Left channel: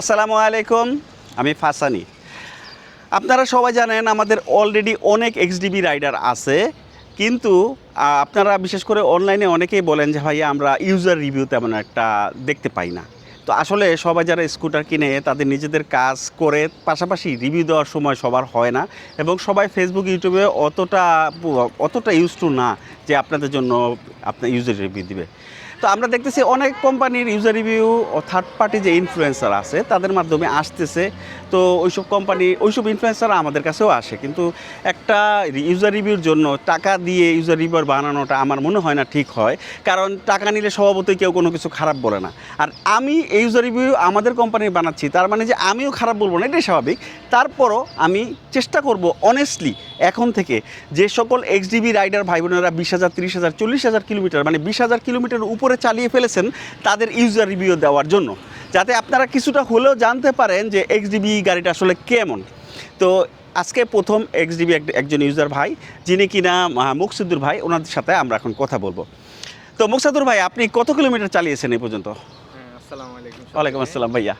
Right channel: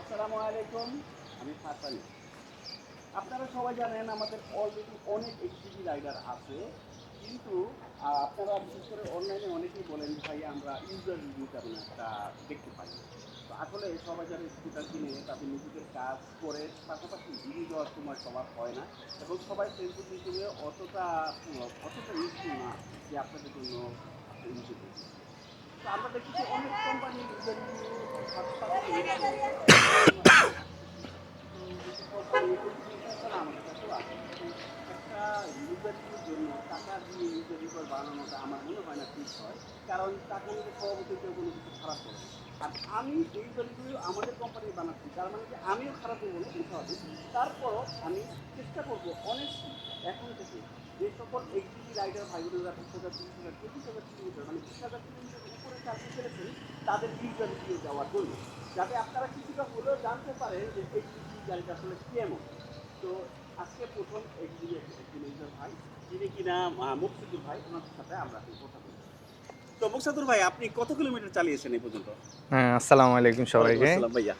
আসসালামু আলাইকুম, আমি ফাসানি। আপনারা সবাই জানেন আমাদের অলরেডি অনেক এক্সডিবি রাইডার আছে, কিন্তু আপনারা বিশেষ করে অনলাইনে অনেকেই বলেন যে ভাই আমরা ইউজার রিভিউ তেমন একটা দেখতে পাই না। তো আসলে সবাই যারা স্কুটার কিনে তাদের নিজেদের কাজ করে পাশাপাশি রিভিউ দেওয়ার সময় সবার হয় না, এবং সবাই ফেসবুক ইউটিউবে অতটা ইউজ টু না যে আপনাদের জন্য আপনার ইউজার রিভিউ দিবে। তো আমরা দেখতেছি অনেক কোম্পানির ইউজার রিভিউ ও থার্ড পার্টি যে ইনফ্লুয়েন্সার আছে তাদের মাধ্যমে আসতেছে। তো ওইসব ইনফ্লুয়েন্সার আমাদের কাছেও আসে, কিন্তু একটা ইউজার রিভিউর জন্য টাকা দিয়ে ইউজার রিভিউ বানানোটা আমার মনে হয় না ঠিক হয়, কারণ টাকা নিলে স্বভাবতই কেউ কোনো কিছু খারাপ বলে না। আর আমি এই ইউজার রিভিউ আমাদের কোম্পানির বানাচ্ছি, তার মানে যে আমিও খারাপ বলবো না, এটাই স্বাভাবিক। তারপরও আমি চেষ্টা করব অনেস্টলি এখন থেকে যে সকল এক্সডিবি রাইডার ভাই বোনেরা 20,000, 30,000, 40,000 কিলোমিটার মানে 20,000 কিলোমিটার উপরে চালিয়ে ফেলেছেন তাদের ইউজার রিভিউ দেওয়ার জন্য, যাতে আপনারা কিছুটা হলেও জানতে পারেন যে এক্সডিবি গাড়িটা আসলে কেমন। তো আজকে প্রথম এক্সডিবি একজন ইউজার ভাই, যিনি কিনা মুকসিদুর ভাই, ওনাদের সাথে আমরা এখন কথা বলবো। তো মুকসিদুর ভাই, আপনি কত কিলোমিটার চালিয়েছেন এই পর্যন্ত? হ্যাঁ, আসসালামু আলাইকুম সবাইকে। ওয়ালাইকুম আসসালাম ভাইয়া।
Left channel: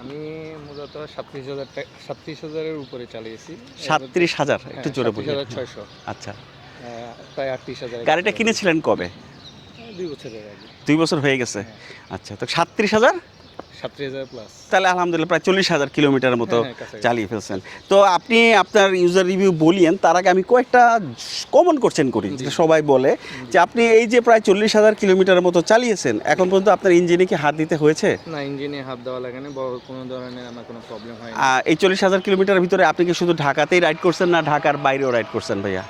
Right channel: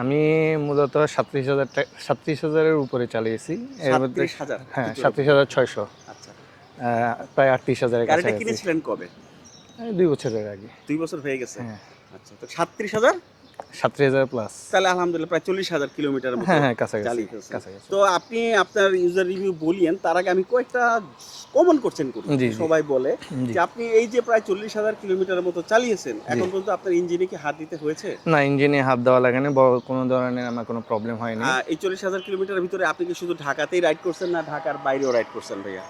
আমি মূলত 37,000-এর উপরে চালিয়েছি। 37,000? একটু জোরে বলুন। 37,600। আচ্ছা, প্রায় 38,000 এর গাড়িটা কাছাকাছি। কিনেছিলেন কবে? 2 বছরের আগে। 2 বছর হয়ে গেছে। হ্যাঁ। আচ্ছা, তো 37,000? 37,000 প্লাস। তাহলে আলহামদুলিল্লাহ প্রায় 40,000 কিলোমিটারের মতো হ্যাঁ, কাছাকাছি। চালিয়ে ফেলছেন। কাছাকাছি। তো আপনি আপনার ইউজার রিভিউ বলিয়েন, তার আগে আমি কয়েকটা কমন কোশ্চেন করি। জি, যে জি। সবাই বলে জি। যে আপনি এই যে প্রায় 40,000 কিলোমিটারের মতো চালিয়েছেন, এখন পর্যন্ত আপনার ইঞ্জিনে কি হাত দিতে হয়েছে? না, ইঞ্জিনে হাত দেওয়া লাগে না, বড় কোনো ধরনের আমার কোনো প্রবলেম হয়নি। এই 40,000 কিলোমিটারের ভিতরে আপনি কি শুধু ঢাকাতেই রাইড করছেন না ঢাকার বাইরেও রাইড করছেন ভাইয়া?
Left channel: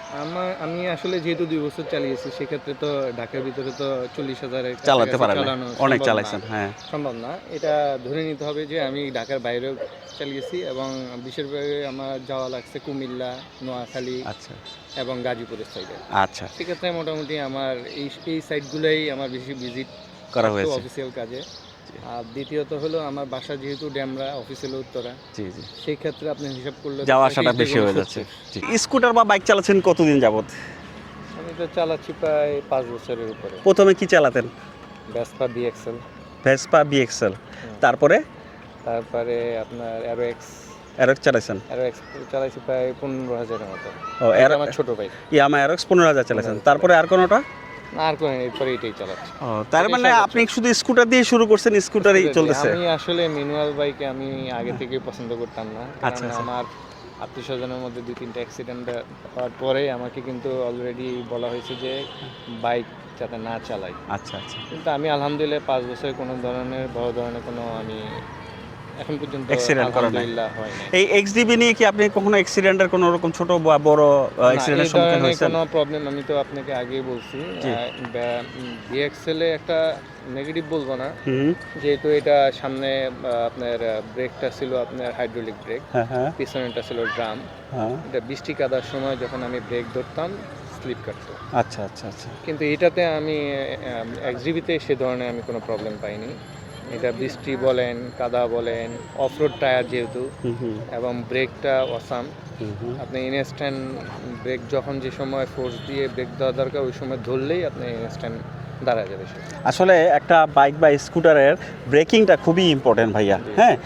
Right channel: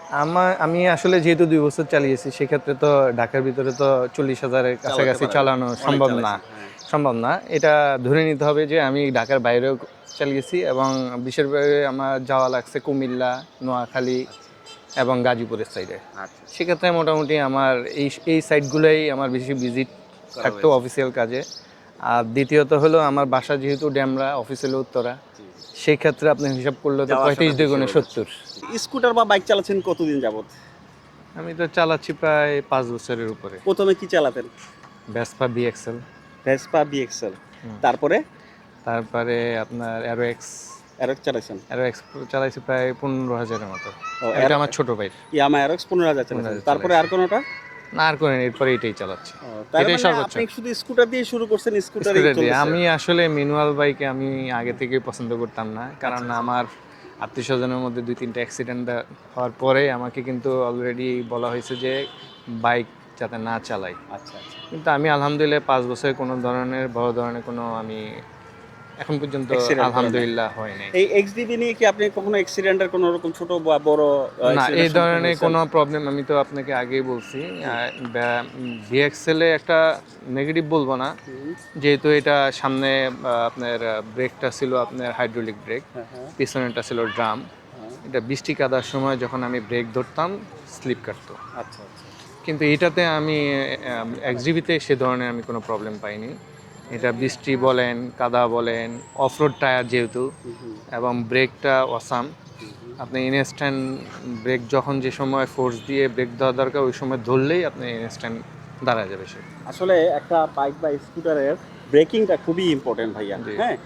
আমি আসলে যেহেতু 2 বছর চালিয়েছি, সেক্ষেত্রে তো ঢাকার ভিতরে তো 40,000 এর চালাতে কাছাকাছি পারেন, চালানো অনেক সম্ভব না। চালাইছেন। হ্যাঁ, সম্ভব না। এটা ধরে নিতে হবে যে আমি ঢাকার বাইরেও চালিয়েছি, এবং বিশেষভাবে আমার যাওয়া লাগছে কুমিল্লা, নোয়াখালী আচ্ছা এবং গাজীপুরের সাইডে। আচ্ছা, সেক্ষেত্রে মোটামুটি আমার এই সাইডগুলোই আমার বেশি ভিজিট করা থাকতো হয়েছে। অফিসিয়াল কাজে। আর দ্বিতীয়ত হলো আমার বাসা যেহেতু ডেমরা, অফিস হলো উত্তরা, জি জি। সেই ক্ষেত্রে আপনি হিসাব করলে তো যাওয়া 35 আসাটা বেশি দ্বিগুণ হয়ে যাচ্ছে। 70। স্কুটার বা বাইক চালাচ্ছেন কতদিন যাবত? আমি তো চালাচ্ছি প্রায় 5 বছরের উপরে। প্রথমে কি চালাতেন? ভেসপা বিএক্সএল, ভেসপা বিএক্সএল, তারপরে তারপরে আপনার অ্যারোএক্স চালাইছেন? চালাইছি প্রায় 15,000-এর মতো। ও, এটা আমার ছোট ভাই। ইয়ামা অ্যারক্স 15,000 চালাইছেন। 15,000 তারপরে আর কোনোটা? না, আর কোনো এরপরে এটাই চালাচ্ছি। ও, তার এটাই মানে সর্বোচ্চ। আপনি শুধু স্কুটার দিয়ে শুরু করছেন, স্কুটারই চলতেছে? আমি আসলে ম্যানুয়াল বাইকে আমি আগে থেকে পছন্দ করতাম না, কারণ আচ্ছা। আমার আত্মীয়স্বজনের মধ্যে 2-3টা অ্যাক্সিডেন্ট হওয়ার পরে আমাকে কিন্তু অলরেডি বলা হয়েছে যে বাইক যাতে না চালাই। আচ্ছা আচ্ছা। কিন্তু আমি আলহামদুলিল্লাহ 5 বছরে কোনো ধরনের বড় ধরনের কোনো আমি এখন পর্যন্ত Accident করা নাই? আলহামদুলিল্লাহ হয় নাই। এই এক্সডিবি নিয়ে কি আপনি কখনো অ্যাক্সিডেন্টের কোনো রকম ছোট বা বড় না, এই অ্যাক্সিডেন্টের সম্মুখীন ধরনের হয়েছেন? কোনো প্রবলেম আমি তো আপনাকে আগেই বলছি। ভিএক্সএলে একটা নেগেটিভ বলবো না, হুম, যেহেতু এটা সামনে আপনার ব্রেকটা ছিল আপনার হাইড্রোলিক ব্রেক, হ্যাঁ হ্যাঁ পিছনেরটা ছিল ড্রাম। হ্যাঁ। এটা বৃষ্টি কাদার সময় যখন আমি ব্রেক ধরতাম স্লিপ কাটতো, আচ্ছা আচ্ছা আচ্ছা। কিন্তু এটাতে আমি এক্সডিবিতে সে ধরনের আমি কোনো প্রবলেম পাইনি। এটা বৃষ্টি বলেন, কাদা বলেন, অফরোড টায়ার যেহেতু, হুম হুম এবং ব্রেকটা অসাম। হুম হুম। আপনি ইনস্ট্যান্ট ব্রেক যখন যে সময় ফোর্স দিয়ে ব্রেক দেওয়া দরকার ওই সময় ধরলেই আপনি ইনস্ট্যান্ট দাঁড়া যাবে সেটা। আসলে একটা বাইক বা স্কুটারের ব্রেকিংটা খুবই ইম্পর্টেন্ট ভাইয়া। হ্যাঁ,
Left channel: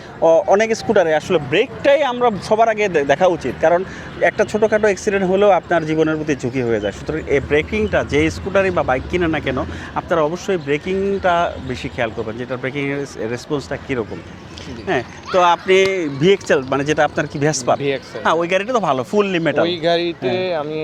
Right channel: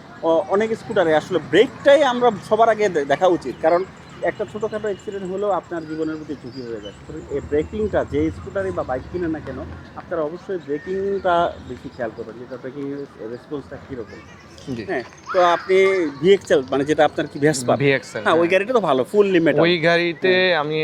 অনেক স্কুটারে আসলে ব্রেকটাই আমরা সবার আগে দেখা উচিত, কারণ একটা ছোটোখাটো অ্যাক্সিডেন্ট হলেও আপনার জীবনের প্রতি ঝুঁকি হয়ে যায়। সুতরাং এই ব্রেকিংটা যে স্কুটারে বা বাইক কিনে না কেন, আপনারা অবশ্যই ব্রেকিংটা বেশি খেয়াল করবেন, যেটা ব্রেকিং রেসপন্সটা কীরকম। হ্যাঁ, তো আপনি ভিএক্সএল মানে যেটা আপনার কি ভেসপা, ভিএক্সএল, হ্যাঁ ওই গাড়িটা তো ভালো, ফুল মেটাল। ওই গাড়িতে আমি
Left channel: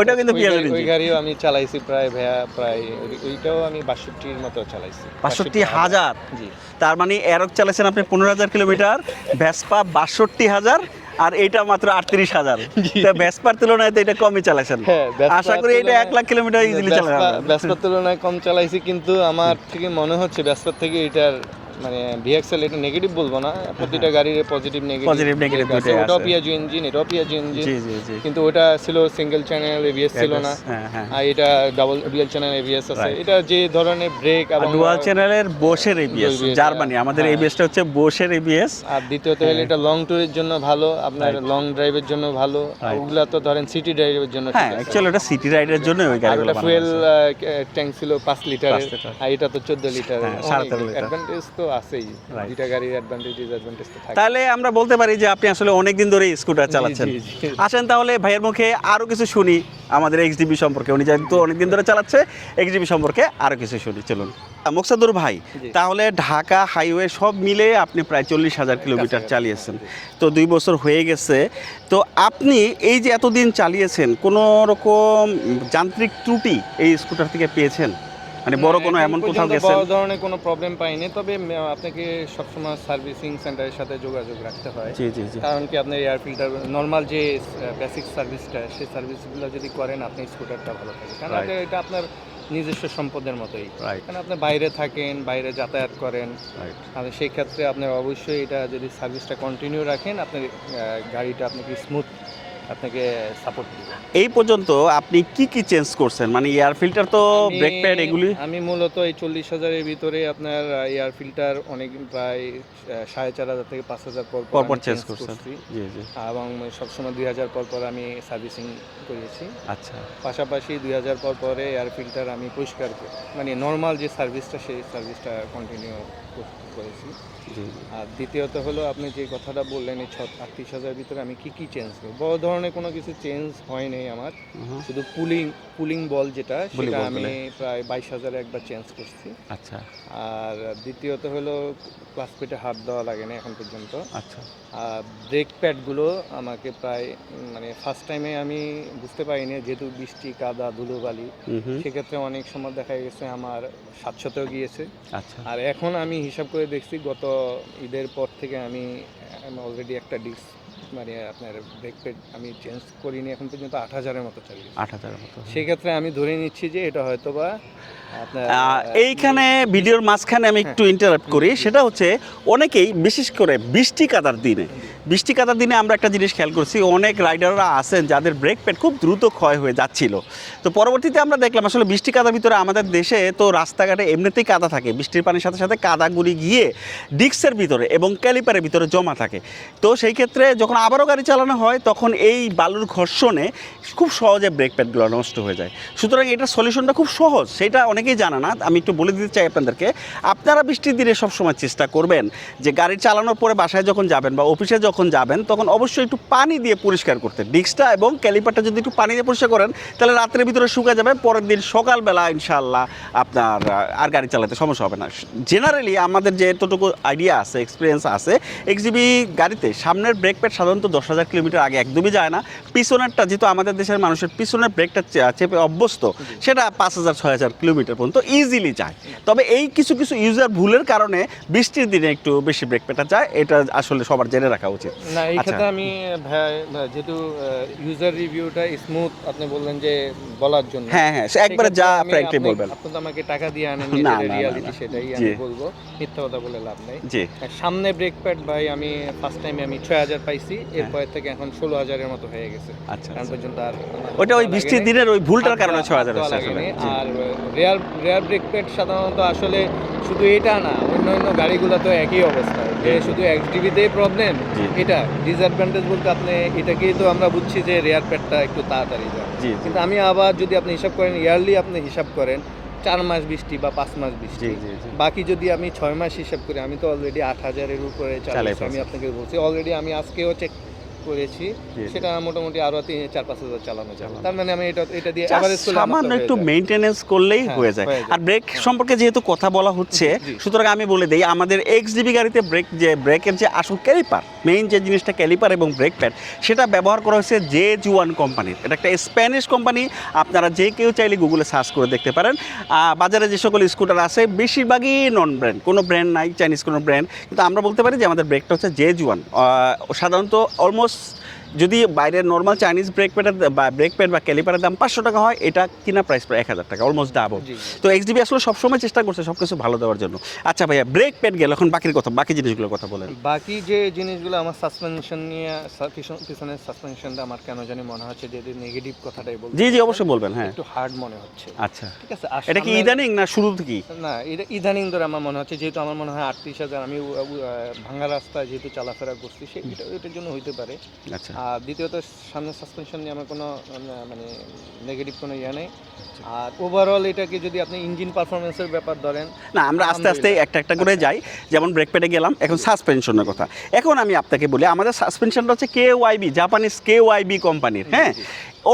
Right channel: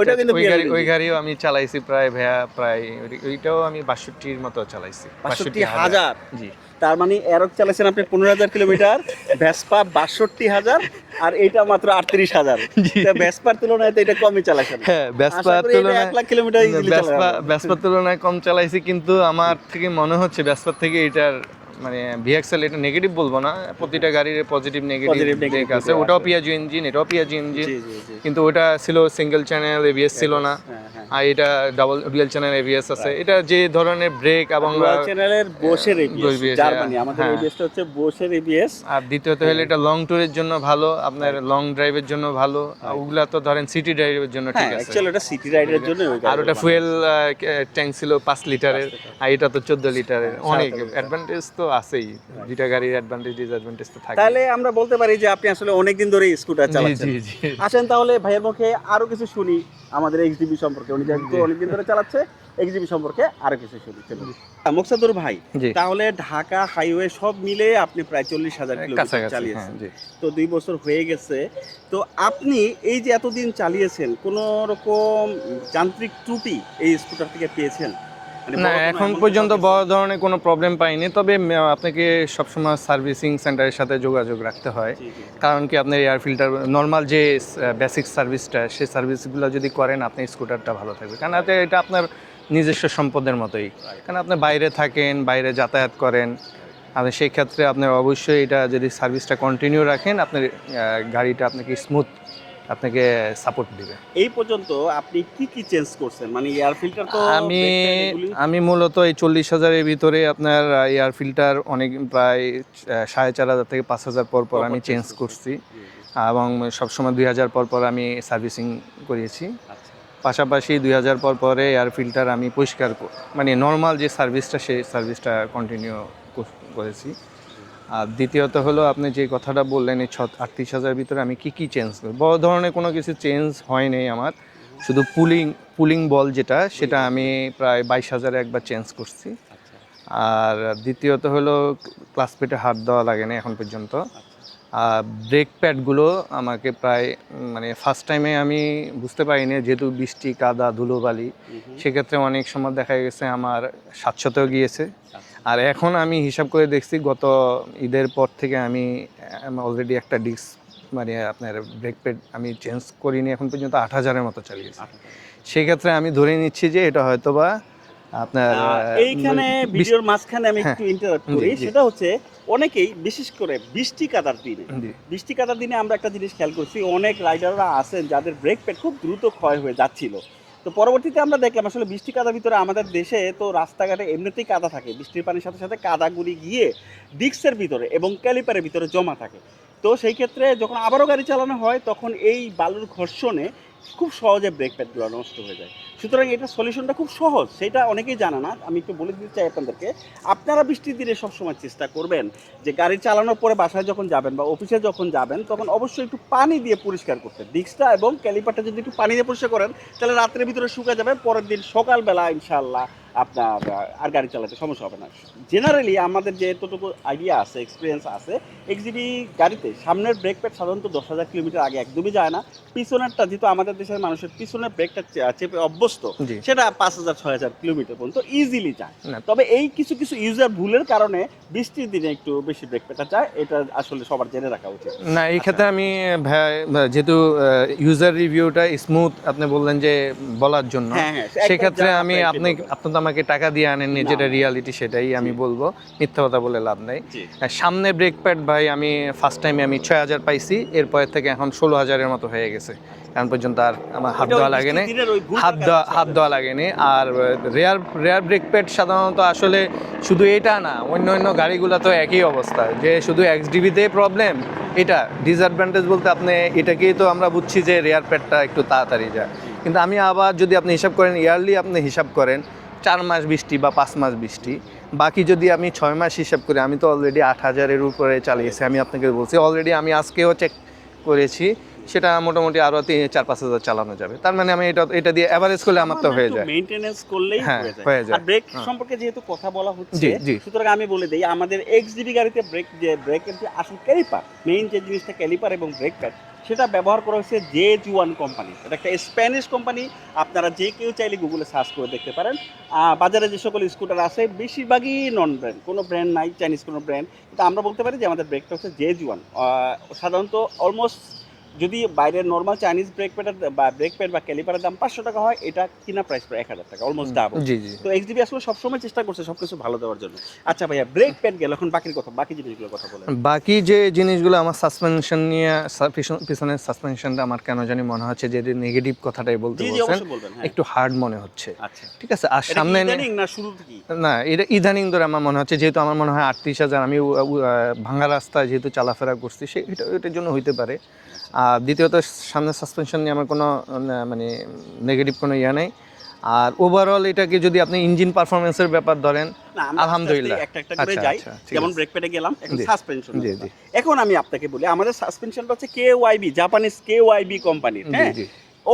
ওইটা কিন্তু BLDC ওই গাড়িও আমি চালাইছি প্রায় ওইটাও আমি 62-র মতো চালাইছি। 62,000? জি। তার মানে এরক চালাইছেন আপনি 15,000 কিলোমিটার, ভেসপা 62,000, আর এটা মাত্র 38,000। তো ভেসপার তুলনায় তো এটা কমই চালাইছেন। হ্যাঁ, আশা করি এটা 1 লাখ কিলোমিটার ইজিলি চালাবেন। ভেসপার তুলনায় কম চালাইছি, কিন্তু আমার থেকে মনে হচ্ছে ভেসপার থেকে এটার মানে ভিএক্সএল এটা নেগেটিভ বলবো না, প্রতিটা গাড়ির পজিটিভ নেগেটিভ আছে। ওটাও পিয়াজো ইঞ্জিন, এটাও পিয়াজো ইঞ্জিন, জি জি জি। কিন্তু ওটা ছিল সিঙ্গেল চ্যানেল এবিএস ছিল না, হ্যাঁ হ্যাঁ। আর এটা ডুয়াল চ্যানেল এবিএস আছে। এটা যে ধরনের ব্রেক এবং ডুয়াল চ্যানেলের বোশের এবিএস, ABS, জার্মানি। আমাদের হ্যাঁ। এবিএসটা হচ্ছে বোশের এবিএস। আর দ্বিতীয়ত হলো এটা লং ট্যুরের জন্য ভালো, আপনার লং ড্রাইভের জন্য ভালো। ওগুলা তো ধরেন সিটি ড্রাইভের জন্য ঠিক হ্যাঁ, আছে, অ্যাকচুয়ালি এটা সিটি রাইডের জন্য ওই আর গাড়ি। ওটা ফুয়েল ট্যাঙ্ক ছিল 5 লিটারের, আর এটা তো 14 লিটারের। হ্যাঁ, অনেক 17 লিটার। অ্যাডভান্টেজ তো আছেই, Right. দুইটা গাড়ির অ্যাডভান্টেজ ডিসঅ্যাডভান্টেজ তো থাকে। তাহলে আমরা বলতে পারি যে আপনি আসলে অনেকদিন ধরে স্কুটার চালাচ্ছেন। জি, জি, জি। আসেন তাহলে ভাইয়ের মুখে আরো কিছু শুনি আমাদের এক্সডিবি সম্পর্কে। উনি যেহেতু অনেকদিন ধরে চালাচ্ছে, এক্সডিবি সম্পর্কে আরো কিছু শুনি, চলুন। মোকসাদুর ভাই, জি। তাহলে ঢাকা হাইওয়ে সব মিলে আপনি প্রায় 40,000 কিলোমিটার কাছাকাছি, চালিয়েছেন, হ্যাঁ, জি। তো 2 বছর হয়ে গেছে। তো আপনি এই যে এতদিন চালিয়েছেন, কোনো রকম যান্ত্রিক ত্রুটি এই স্কুটার থেকে পেয়েছেন? মানে না, বড় কোনো এখন এমন পর্যন্ত কোথাও বড় গেছেন? ধরনের কোনো প্রবলেম পাইনি, তবে আপনাকে সবসময় সার্ভিসিং সেন্টারের সাথে যোগাযোগ রাখতে হয়। জি জি জি। কারণ কি আপনার এয়ার ফিল্টার নর্মাল যে বেসিক সার্ভিসটা, সেই সার্ভিসগুলো যদি করেন আপনি স্কুটারটা ভালো থাকবে, কারণ Right. এটা আপনার নিজস্ব সম্পদের মতোই। Right. কারণ আপনি বাইরে থাকেন, বাইরে যাতায়াত করেন, Right. আর সেই ক্ষেত্রে আপনার অবশ্যই এটা যদি সার্ভিসটা কন্টিনিউ রাখেন, আপনার গাড়িটা আপনাকে স্মুথ আপনাকে সাপোর্ট দিবে। এই পর্যন্ত আপনি কি কি চেঞ্জ করছেন? মানে এয়ার ফিল্টার তো, ব্রেক প্যাড এগুলি? আমি মূলত এই 40,000-এর ভিতরে আপনার এয়ার ফিল্টার অনেক প্রায় 4,500 থেকে 5,000 পর পর আমি চেঞ্জ করছি, জি জি। এবং সবসময় 2,000 পর পর আমি সার্ভিসিং করিয়েছি। আচ্ছা। পাশাপাশি 2,000 পর পরে এয়ার ফিল্টার আমি পরিষ্কার মানে নর্মাল যে সার্ভিসটা, সেই সার্ভিসটা কন্টিনিউ করেছি। জি। আর দ্বিতীয়ত হলো আপনি যে কথাটা বললেন এই 38,000-এর ভিতরে আমি কি কি চেঞ্জ করি, বড় ধরনের কোনো কিছু চেঞ্জ হয় নাই আমার, শুধু পুলিং বল যেটা, সেটা ball আমি প্রায় 22,000-এ একবার চেঞ্জ করছি। আচ্ছা আর দ্বিতীয়ত হলো ক্লাস প্লেটে হাত দেওয়া লাগে না এখন পর্যন্ত। আচ্ছা। আর ব্রেক প্যাডগুলো আমাকে প্রায় মানে ফার্স্ট টাইমে আমি বুঝতে পারিনি, যেহেতু বৃষ্টি, কাদা, ধুলোবালি, সেক্ষেত্রে অনেক সময় দেখা গেছে আমার 700-তেও গিয়েছে। আচ্ছা। আর এখন আমি হিসাব করে দেখছি, গত ঈদের পর থেকে আমি অলরেডি একটা ডিস্ক মানে আপনার ব্রেক প্যাড আমি চেঞ্জ করিনি এখন পর্যন্ত 8,000-এর মতো চালিয়েছি। 8,000 মতো। সেক্ষেত্রে আমি ধরে নিচ্ছি যে এটা হয়তোবা আপনার এইখানে ভিডিওর মাঝখানে আমি একটু ইন্টারাপ্ট করি, সেটা হচ্ছে অনেকেই বিশেষ করে বৃষ্টি কাদার দিনে আমরা একটা জিনিস খেয়াল করছি, অনেক রাইডাররা আছেন যাদের ব্রেক প্যাড খুব দ্রুত ক্ষয় হয়ে যাচ্ছিল। তো পরবর্তীতে আমরা দেখলাম আসলে বৃষ্টি কাদার ভিতরে আমাদের দেশে তো রাস্তাঘাটে এমনিতেই কাদা থাকে, বৃষ্টির পানির সাথে সাথে কাদাগুলি গিয়ে ডিস্কের ভিতরে এবং ক্যালিপারের ভিতরে জমা থাকে। তো সেই ক্ষেত্রে যখন আবারও গাড়ি চালানো হয়, তখন এই বালুর ঘর্ষণে খুব সহজে ব্রেক প্যাডগুলো নষ্ট হয়ে যায়। সুতরাং এটার সলিউশনটা খুব সহজ, সেটা অনেকেই জানে না। আমি একটু বলে দিতে চাই আপনাদেরকে, আপনারা বৃষ্টির দিনে সবসময় চেষ্টা করবেন যে গাড়ি চালানোর পরে বাসায় যখন যাবেন বা অফিসে যখন যাবেন, তখন অবশ্যই একটু পানি দিয়ে পরিষ্কার করতে, ডিস্কটা এবং ক্যালিপারটা যদি একটু পানি দিয়ে পরিষ্কার করেন, তাহলে রাত্রের ভিতরে শুকা যাবে, পরের দিন সকালবেলা ইনশাআল্লাহ আপনার আর গাড়ি চালাতে সমস্যা হবে না। জেনারেলি আমাদের যে এতটুকু আইডিয়া আছে, এক্সপিরিয়েন্স আছে, এক্সজিবি গাড়িতে সামনের ব্রেক প্যাড সাধারণত 10,000 কিলোমিটার আগে একদমই যায় না। পিছনেরটা, যেহেতু আমাদের দেশের মানুষের পিছনের ব্রেকটা চেপে অভ্যস্ত, সেটা 5,000-6,000 কিলোমিটার পর্যন্ত ইজিলি যায়। তবে এই কিছু কিছু ইউজার ভুলের কারণে বৃষ্টির দিনে একটু বেশি ব্রেক প্যাডটা যায়, এটা আসলে সবার জেনে রাখা উচিত। না, এই ক্ষেত্রে আমি যেহেতু ইউজার রিভিউটা স্মুথ আপনি বললেন যে বলার জন্য, হ্যাঁ হ্যাঁ, একবারে সেক্ষেত্রে যা আমি আপনি বলবেন। আপনি তো আমাকে টাকা দিয়ে আনেন, না, যেটা না, রিয়ালিটি না, সেটাই জি। আমি বলবো, মিথ্যা কথা বলে লাভ নাই। জি। সামনে ব্রেক প্যাড ভাই আমি ফার্স্ট টাইমে আমি 6,000 পাইছি, এরপর থেকে এখন 16,000-এর মতো হয়ে গেছে। আচ্ছা। এখন পর্যন্ত আর আমার হাত ওটা ওই দেওয়া বৃষ্টির লাগেনি, দিনের ওই ভুলটার কারণে হাত দেওয়া লাগেনি। আর রেয়ার ব্রেক প্যাড সাধারণত আসলে শুধু এটা না, অন্য গাড়িগুলো তো একই অবস্থা, যে শুধু XDB-তেই প্রবলেম। এটা ডিসঅ্যাডভান্টেজ বলতে আপনি এটাকেই তো আমরা বুঝছি যে রেয়ার প্যাডটা একটু তাড়াতাড়ি যায়, জি। কিন্তু আমি আবার যদি আপনি হিসাব করেন, ইয়ারলি আপনি হিসাব করেন 4 মাস বৃষ্টি বা 5 মাস বৃষ্টি, বাকি যদি আমি 6 মাস হিসাব করি, আমি তো অলরেডি 8,000-এর উপরে চালিয়েছি। আমি আপনাকে বলছি অলরেডি, আমি আজকেও চেক করেছি, সেটা মোটামুটি আরো 4-5,000 চালানো যাবে। তার মানে আমি এটা দিয়ে এভারেজ করলে আমার তো হয়ে একটু যায়। মেইনটেনেন্স করলেই হ্যাঁ, হয়ে যায়। হয়ে যায়। আর ব্রেক সম্পর্কে যেহেতু কথা বলা হচ্ছে, জি, জি। সুতরাং আমি বলে দেই, আমাদের এক্সডিবি গাড়িতে ব্রেকের যে আসল ক্যালিপার, মেইন যে জিনিসটা ক্যালিপার এবং ব্রেক প্যাড, সেটা ব্যবহার করা হয়েছে জেজুয়ান কোম্পানির। এটা একটা স্প্যানিশ কোম্পানি, আপনারা যে কেউ চাইলে গুগলে সার্চ করে দেখতে পারেন। বাজারে যে সকল স্কুটার আছে বেশিরভাগই নন ব্র্যান্ড, কোনো ব্র্যান্ড নাই, চাইনিজ কোনো ব্র্যান্ড, কিন্তু আমরা বলতে পারি যে আমাদের ব্রেকটা হচ্ছে জেজুয়ান। সাধারণত অলমোস্ট যদি বাইরের নর্মাল চাইনিজ ব্রেক প্যাড বা ক্যালিপারের দাম 500 টাকা হয়, এটা কিনা প্রাইস প্রায় 1,000 টাকা, অলমোস্ট ডাবল। তো এক্সডিবি আসলে সবসময় চেষ্টা করছে সবকিছু ভালো দেওয়ার জন্য। আচ্ছা ভাইয়া, ব্রেক প্যাড গেল, এখন বাকি জিনিসগুলোর কথা বলেন। বাকি যে জিনিসগুলো আমার সাসপেনশন নিয়ে, পিছনের সাসপেনশনটা আমার কেন জানি মনে হচ্ছে যে নেগেটিভ কথাটাই বলতে, জি জি অবশ্যই বলবেন। হ্যাঁ, একটু হার্ড মনে হচ্ছে। আচ্ছা, ঠিক আছে। আর এটা কি সামনে ইদানিং না শুরু থেকেই? না, এটা ইদানিং ধরে আমার মনে হচ্ছে, যেহেতু আমার মনে হয় 38,000 আমি ভাঙা রাস্তায় যেহেতু চলাফেরা করছি, এটার জন্য হইতে পারে। আচ্ছা। আর দ্বিতীয়ত সামনে সাসপেনশন নিয়ে আমার কোনো মানে নেগেটিভ কোনো ইয়ে নেই। আর ওভারঅল এটাকে যদি আপনি ইঞ্জিন পারফরমেন্সের ব্যাপার ধরেন, না আমরা আস্তে আস্তে আলহামদুলিল্লাহ। একটা করে আচ্ছা, যাই, আচ্ছা, ঠিক যেমন আছে। ব্রেক প্যাডে গেলাম, এখন জি। সাসপেনশনের জি, কথা। জি। এখন আমি আপনাকে বলি আমাদের সাসপেনশনটা হচ্ছে KYB, জাপানিজ KYB কোম্পানির। হ্যাঁ, জি।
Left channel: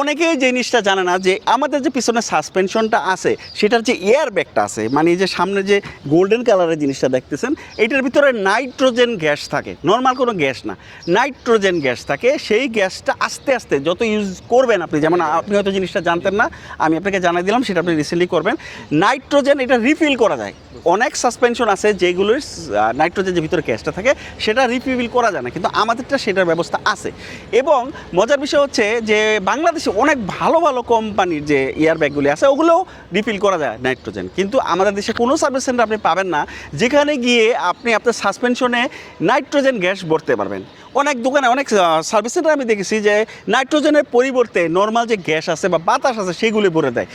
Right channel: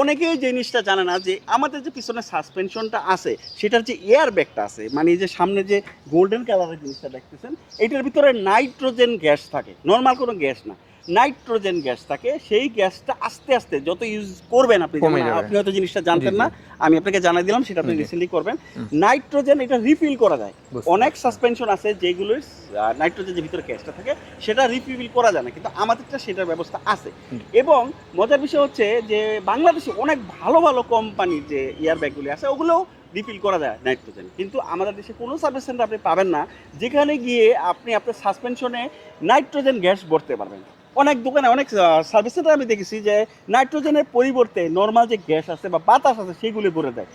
অনেকেই এই জিনিসটা জানে না যে আমাদের যে পিছনে সাসপেনশনটা আছে সেটার যে এয়ার ব্যাগটা আছে, মানে এই যে সামনে যে গোল্ডেন কালারের জিনিসটা দেখতেছেন, এইটার ভিতরে নাইট্রোজেন গ্যাস থাকে, নর্মাল কোনো গ্যাস না, নাইট্রোজেন গ্যাস থাকে। সেই গ্যাসটা আস্তে আস্তে যত ইউজ করবেন আপনি, যেমন কমে যাবে। আপনি হয়তো জিনিসটা জানতেন না, আমি আপনাকে জানাই দিলাম, সেটা আপনি রিসেন্টলি করবেন। নাইট্রোজেন এটা রিফিল করা যায়। অনেক সাসপেনশন আছে যেগুলোর নাইট্রোজেন যে ভিতরে গ্যাসটা থাকে সেটা রিফিল করা যায় না, কিন্তু আমাদেরটা সেটার ব্যবস্থা আছে। এবং মজার বিষয় হচ্ছে যে বাংলাদেশে অনেক ভালো ভালো কোম্পানির যে এয়ার ব্যাগগুলি আছে ওগুলোও রিফিল করা যায় নাইট্রোজেন, কিন্তু আমাদের দেশে কোনো সার্ভিস সেন্টার আপনি পাবেন না যেখানে গিয়ে আপনি আপনার সাসপেনশনে নাইট্রোজেন গ্যাস ভরতে পারবেন। অনেক দোকানে, অনেক সার্ভিস সেন্টার আমি দেখেছি যে নাইট্রোজেনের পরিবর্তে নর্মাল যে গ্যাস আছে বা বাতাস আছে সেগুলি ভরে দেয়।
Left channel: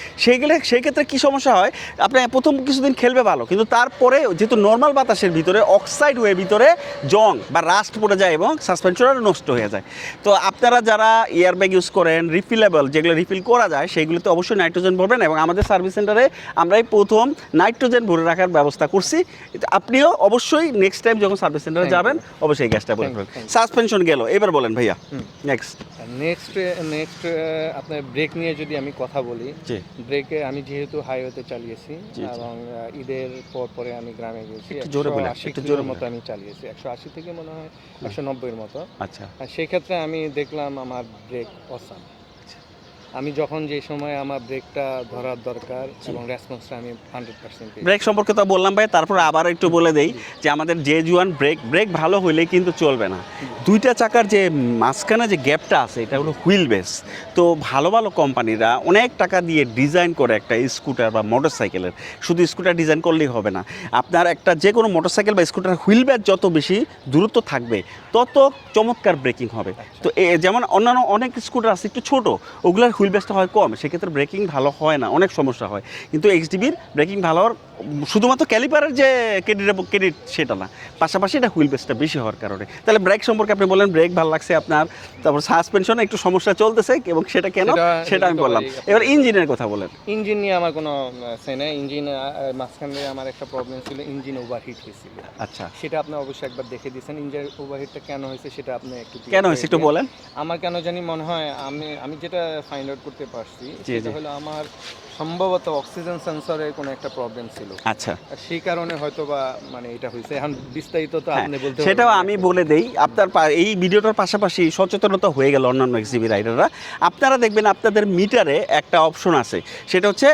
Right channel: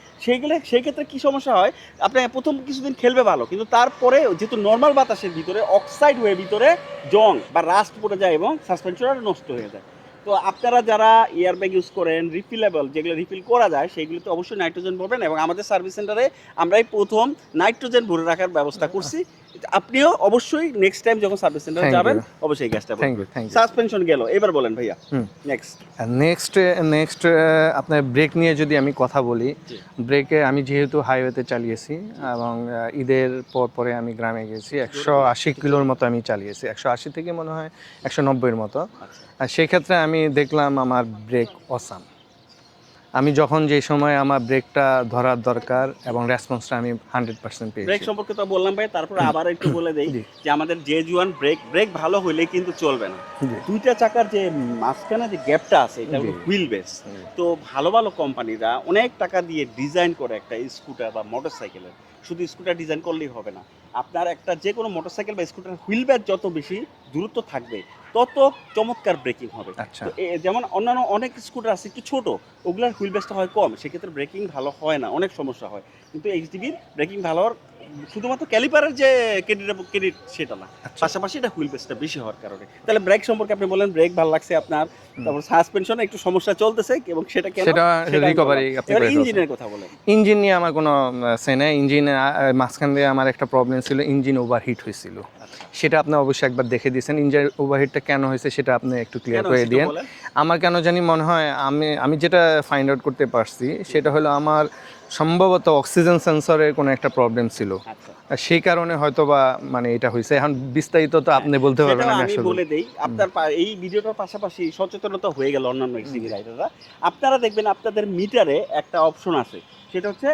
সেই ক্ষেত্রে কী সমস্যা হয়, আপনি প্রথম কিছুদিন খেলবে ভালো, কিন্তু তারপরে যেহেতু নর্মাল বাতাসের ভিতরে অক্সাইড হয়ে ভিতরে জং বা রাস্ট পড়ে যায় এবং সাসপেনশনটা নষ্ট হয়ে যায়। তো আপনারা যারা এয়ার ব্যাগ ইউজ করেন রিফিলেবল, যেগুলো রিফিল করা যায়, সেগুলোতে অবশ্যই নাইট্রোজেন ভরবেন। এবং আমাদের সার্ভিস সেন্টারে আমরা এই প্রথম নাইট্রোজেন ভরে রাখার ব্যবস্থা করছি। আপনিও অবশ্যই নেক্সট টাইম যখন সার্ভিস সেন্টারে Thank you. যাবেন অবশ্যই এই গ্যাসটা Thank you, ভরবেন। thank you. Suspension গেল, এবার বলেন ভাইয়া নেক্সট। নেক্সট আপনার ব্রেক নিয়ে যদি আমি কথা বলি, জি। ব্রেকে আমি যেহেতু হাইওয়েতে চালিয়েছি জি। এবং ঈদের পরে আমি গ্রামে গেছি, একটু জোরে বলেন, 180 একটু কিলোর জোরে মতো আমি চালিয়েছি, 180 থেকে মনে হয় 190-এর মতো। আচ্ছা, আর সেক্ষেত্রে আমি দেখলাম আমার ব্রেক অসাম। আমি যখন যে সময় আমার ব্রেকটা ধরার দরকার এবং রেসপন্সটা আমি 100% পেয়েছি। ব্রেক সম্পর্কে তো বললাম ভাই, তারপর আবার একটু বলে দেই জি। যে আমাদের জুয়ান ব্রেক ভালো হইলে কিন্তু চলবে না। দুইটা চাকার যে মাঝখানে যে গ্যাপটা আছে এটা হলো হুইল বেস। তো ভালো ভালো কোম্পানিরা অনেক টাকা দিয়ে ডিজাইন করে একটা স্কুটার বা মোটরসাইকেলের, শুধু স্কুটার ডিজাইন করলেই হবে না, আপনার একটা যে কোনো মোটরসাইকেল বা স্কুটার হুইল বেস যত বেশি দূরত্ব থাকবে তত চমৎকার ব্রেকিং হবে। আচ্ছা। তো যেমন অন্যান্য অনেক স্কুটার আছে একটু ছোট, ওগুলোর হুইল বেসটা হয় কম, সেক্ষেত্রে ব্রেকিং ভালো হয় না, অনেক সমস্যা হয়। কিন্তু এক্সডিবির ব্রেকিং ভালো হওয়ার শুধুমাত্র ক্যালিপারের যে ক্রেডিট সেটা না, পাশাপাশি এটা হুইল বেসটা বেশি হওয়ার কারণে। তাহলে ব্রেক সম্পর্কে আপনি বলেন ব্রেক ভালো লাগছে আপনার, তারপর সাসপেনশনে একটু সমস্যা চলতেছে এবং সেটা কেন সেটা আমি বললাম। এবার ইঞ্জিনের কথা বলেন। ইঞ্জিন নিয়ে আমার কোনো সে নাই। ইঞ্জিনে মাঝখান দিয়ে আমার একটা প্রবলেম ছিল, ইঞ্জিন ওভারহিট হয়েছিল। আচ্ছা, সেটা আপনি অবশ্যই একবার দেখে দিয়েছেন। ইঞ্জিন ওভারহিটটা কেন হয়েছে সেটা আপনি একটু কেন ক্লিয়ার করে হয়েছে একটু দিন। বলেন। আমার কেন জানি মনে হয়, আমি যেটা ফাইন্ড আউট করতে পারছি সেটা হলো আমার সম্ভবত অক্সিজেন সেন্সরের কোনো একটা প্রবলেম ছিল। আচ্ছা, আর সেই কারণে হয়তো বা মানে এটা হয়েছে। এখন বিস্তারিত তো আপনি বলতে পারবেন সেটাও না আমি আসলে। বলে দেই। আপনার এই ভিডিওটার পাশাপাশি সচেতনতা হয়ে গেল অন্যান্য এক্সিবি রাইডাররা। আপনারা দেখবেন আপনাদের মিটারে একটা অপশন আছে, সেটা হচ্ছে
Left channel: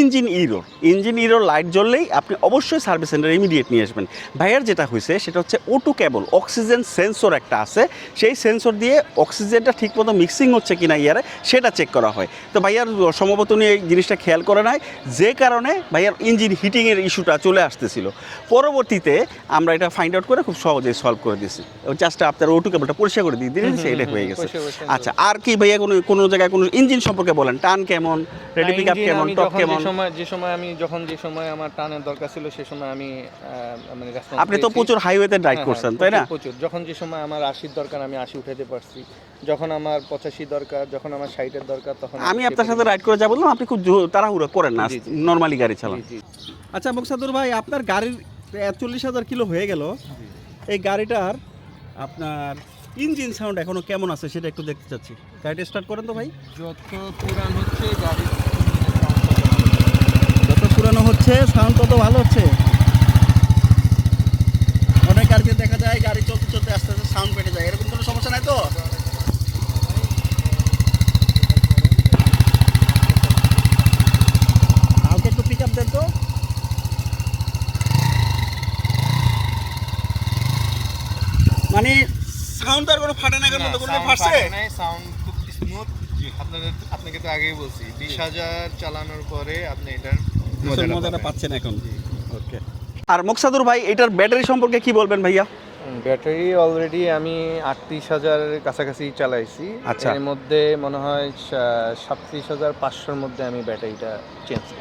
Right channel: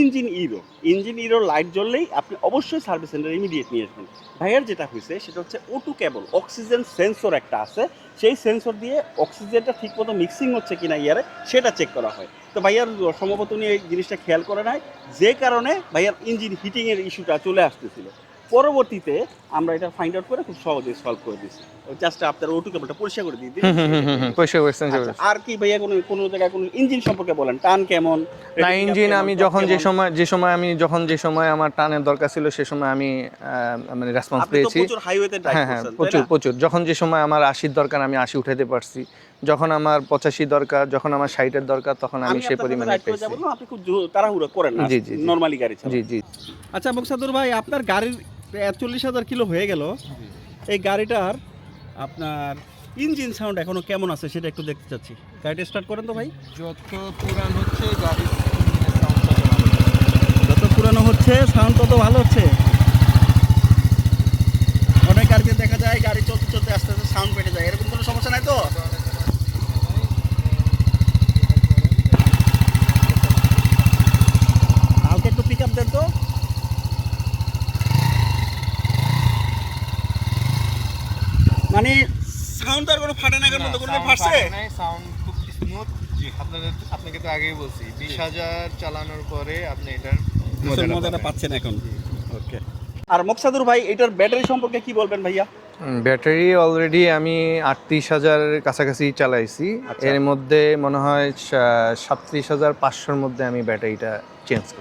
ইঞ্জিন ইরোর লাইট জ্বললেই আপনি অবশ্যই সার্ভিস সেন্টারে ইমিডিয়েট নিয়ে আসবেন। ভাইয়ার যেটা হয়েছে সেটা হচ্ছে O2 কেবল, অক্সিজেন সেন্সর একটা আছে, সেই সেন্সর দিয়ে অক্সিজেনটা ঠিকমতো মিক্সিং হচ্ছে কিনা ইয়ারে সেটা চেক করা হয়। তো ভাইয়ার সম্ভবত উনি এই জিনিসটা খেয়াল করে নাই, যে কারণে ভাইয়ার ইঞ্জিন হিটিংয়ের ইস্যুটা চলে আসতেছিল। পরবর্তীতে আমরা এটা ফাইন্ড আউট করে খুব সহজে সলভ করে দিয়েছি। জাস্ট আপনার O2 কেবলটা পরিষ্কার করে দিয়ে দিলেন, সেটা হয়ে গেছে। পরিষ্কার করেছেন। আচ্ছা, আর কি ভাইয়া কোনো জায়গায় কোনো ইঞ্জিন সম্পর্কে বলেন, টান কেমন, রেডি পিকআপ ইঞ্জিন কেমন, আমি টর্ক যখন কেমন? যে সময় আমার টানের দরকার ছিল সে সময় আমি মানে রেসপন্স আপনি তো পেয়েছি। প্রচুর হাইওয়েতে ড্রাইভ হ্যাঁ, করছেন, তাই প্রচুর না? প্রচুর। যখন যে সময় আমার 80 দরকার আমি 80 উঠাতে পারছি, যখন আমার 85 দরকার, যখন আমার 60-এর দরকার, তখন আমি সেই আপনার সাথে পরিমাণে রাইড করে পেয়েছি। যা বললাম আপনি খুব তাড়াহুড়ো করেন না, জি, জি, জি। নরমালি গাড়ি চালান। জি জি। আচ্ছা মুকসাদুর ভাই, আপনার গাড়ির 43,000 কিলো হয়ে গেল, এই গাড়িটার আপনার ইঞ্জিন সাউন্ড এখনো কেমন আছে সেটা একটু দেখতে চাচ্ছি। গাড়িটা স্টার্ট করেন তো ভাই। যত পুরান হচ্ছে গাড়ি, যত পুরানো হচ্ছে সাউন্ড তত ভালো হচ্ছে। অনেক গাড়িতে দেখা যায় গাড়ি চলতে চলতে আস্তে আস্তে সাউন্ড পেটে যায়, এরকম কোনো সমস্যা নাই তো? কালকে একটু পিক আপ দেন তো। মানে সাউন্ড আর কোনো ফাটে না, কোনো মতো কোনো ফাটছে? সাউন্ড খুব স্মুথ। আপনাকে তো আগেই বলছি 20,000 চালানোর পরে আপনি এটার মজাটা পাচ্ছেন এখন। ওকে। আর মুকসাদুর ভাই, এটার ব্যাটারি সম্পর্কে কি বলবেন ভাইয়া? ব্যাটারি অলরেডি আমি 38,000-এর কাছাকাছি চালাইছি। আচ্ছা। এর মধ্যে মনে হয় 37,500-র মধ্যে আমি ব্যাটারিটা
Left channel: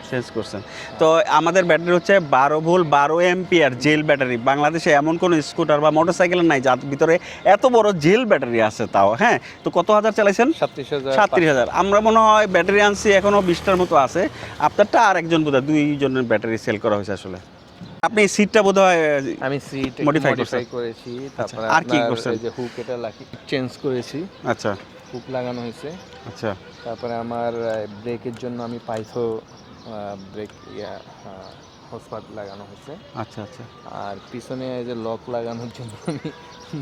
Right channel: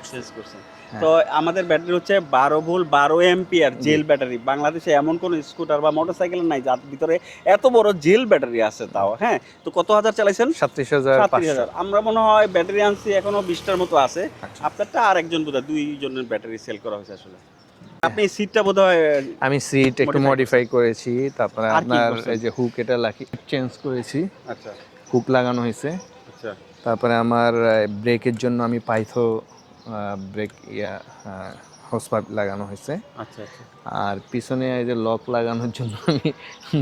চেঞ্জ করছেন। তো আমাদের ব্যাটারি হচ্ছে 12 ভোল্ট 12 এম্পিয়ার জেল ব্যাটারি। বাংলাদেশে এমন কোনো স্কুটার বা মোটরসাইকেল নাই যার ভিতরে এত বড় জেল ব্যাটারি আছে তাও। হ্যাঁ, তো কত হাজার চালাইছেন? 37,000। আমরা মনে হয় ব্যাটারি আনছি এখনো 20টার মতো আছে। আপনারটা আর একজন বোধহয় 2 জনের ব্যাটারি সেল করা হয়েছে আসলে। আপনি সিটটা বোধহয় আমি সিট একটু মডিফাই করেছি, তারপরে আর কি আপনার করছেন? এই যে হুক এটা চেঞ্জ করেছি, আচ্ছা হুক লাগানো হয়েছে। আচ্ছা তারপরে আমার ব্রেকের জন্য আমি পাইথো ব্রেক হোস পাইপ লাগানো হয়েছে। আচ্ছা আচ্ছা। আর পিছনে এই যে লক লাগানোর জন্য আমি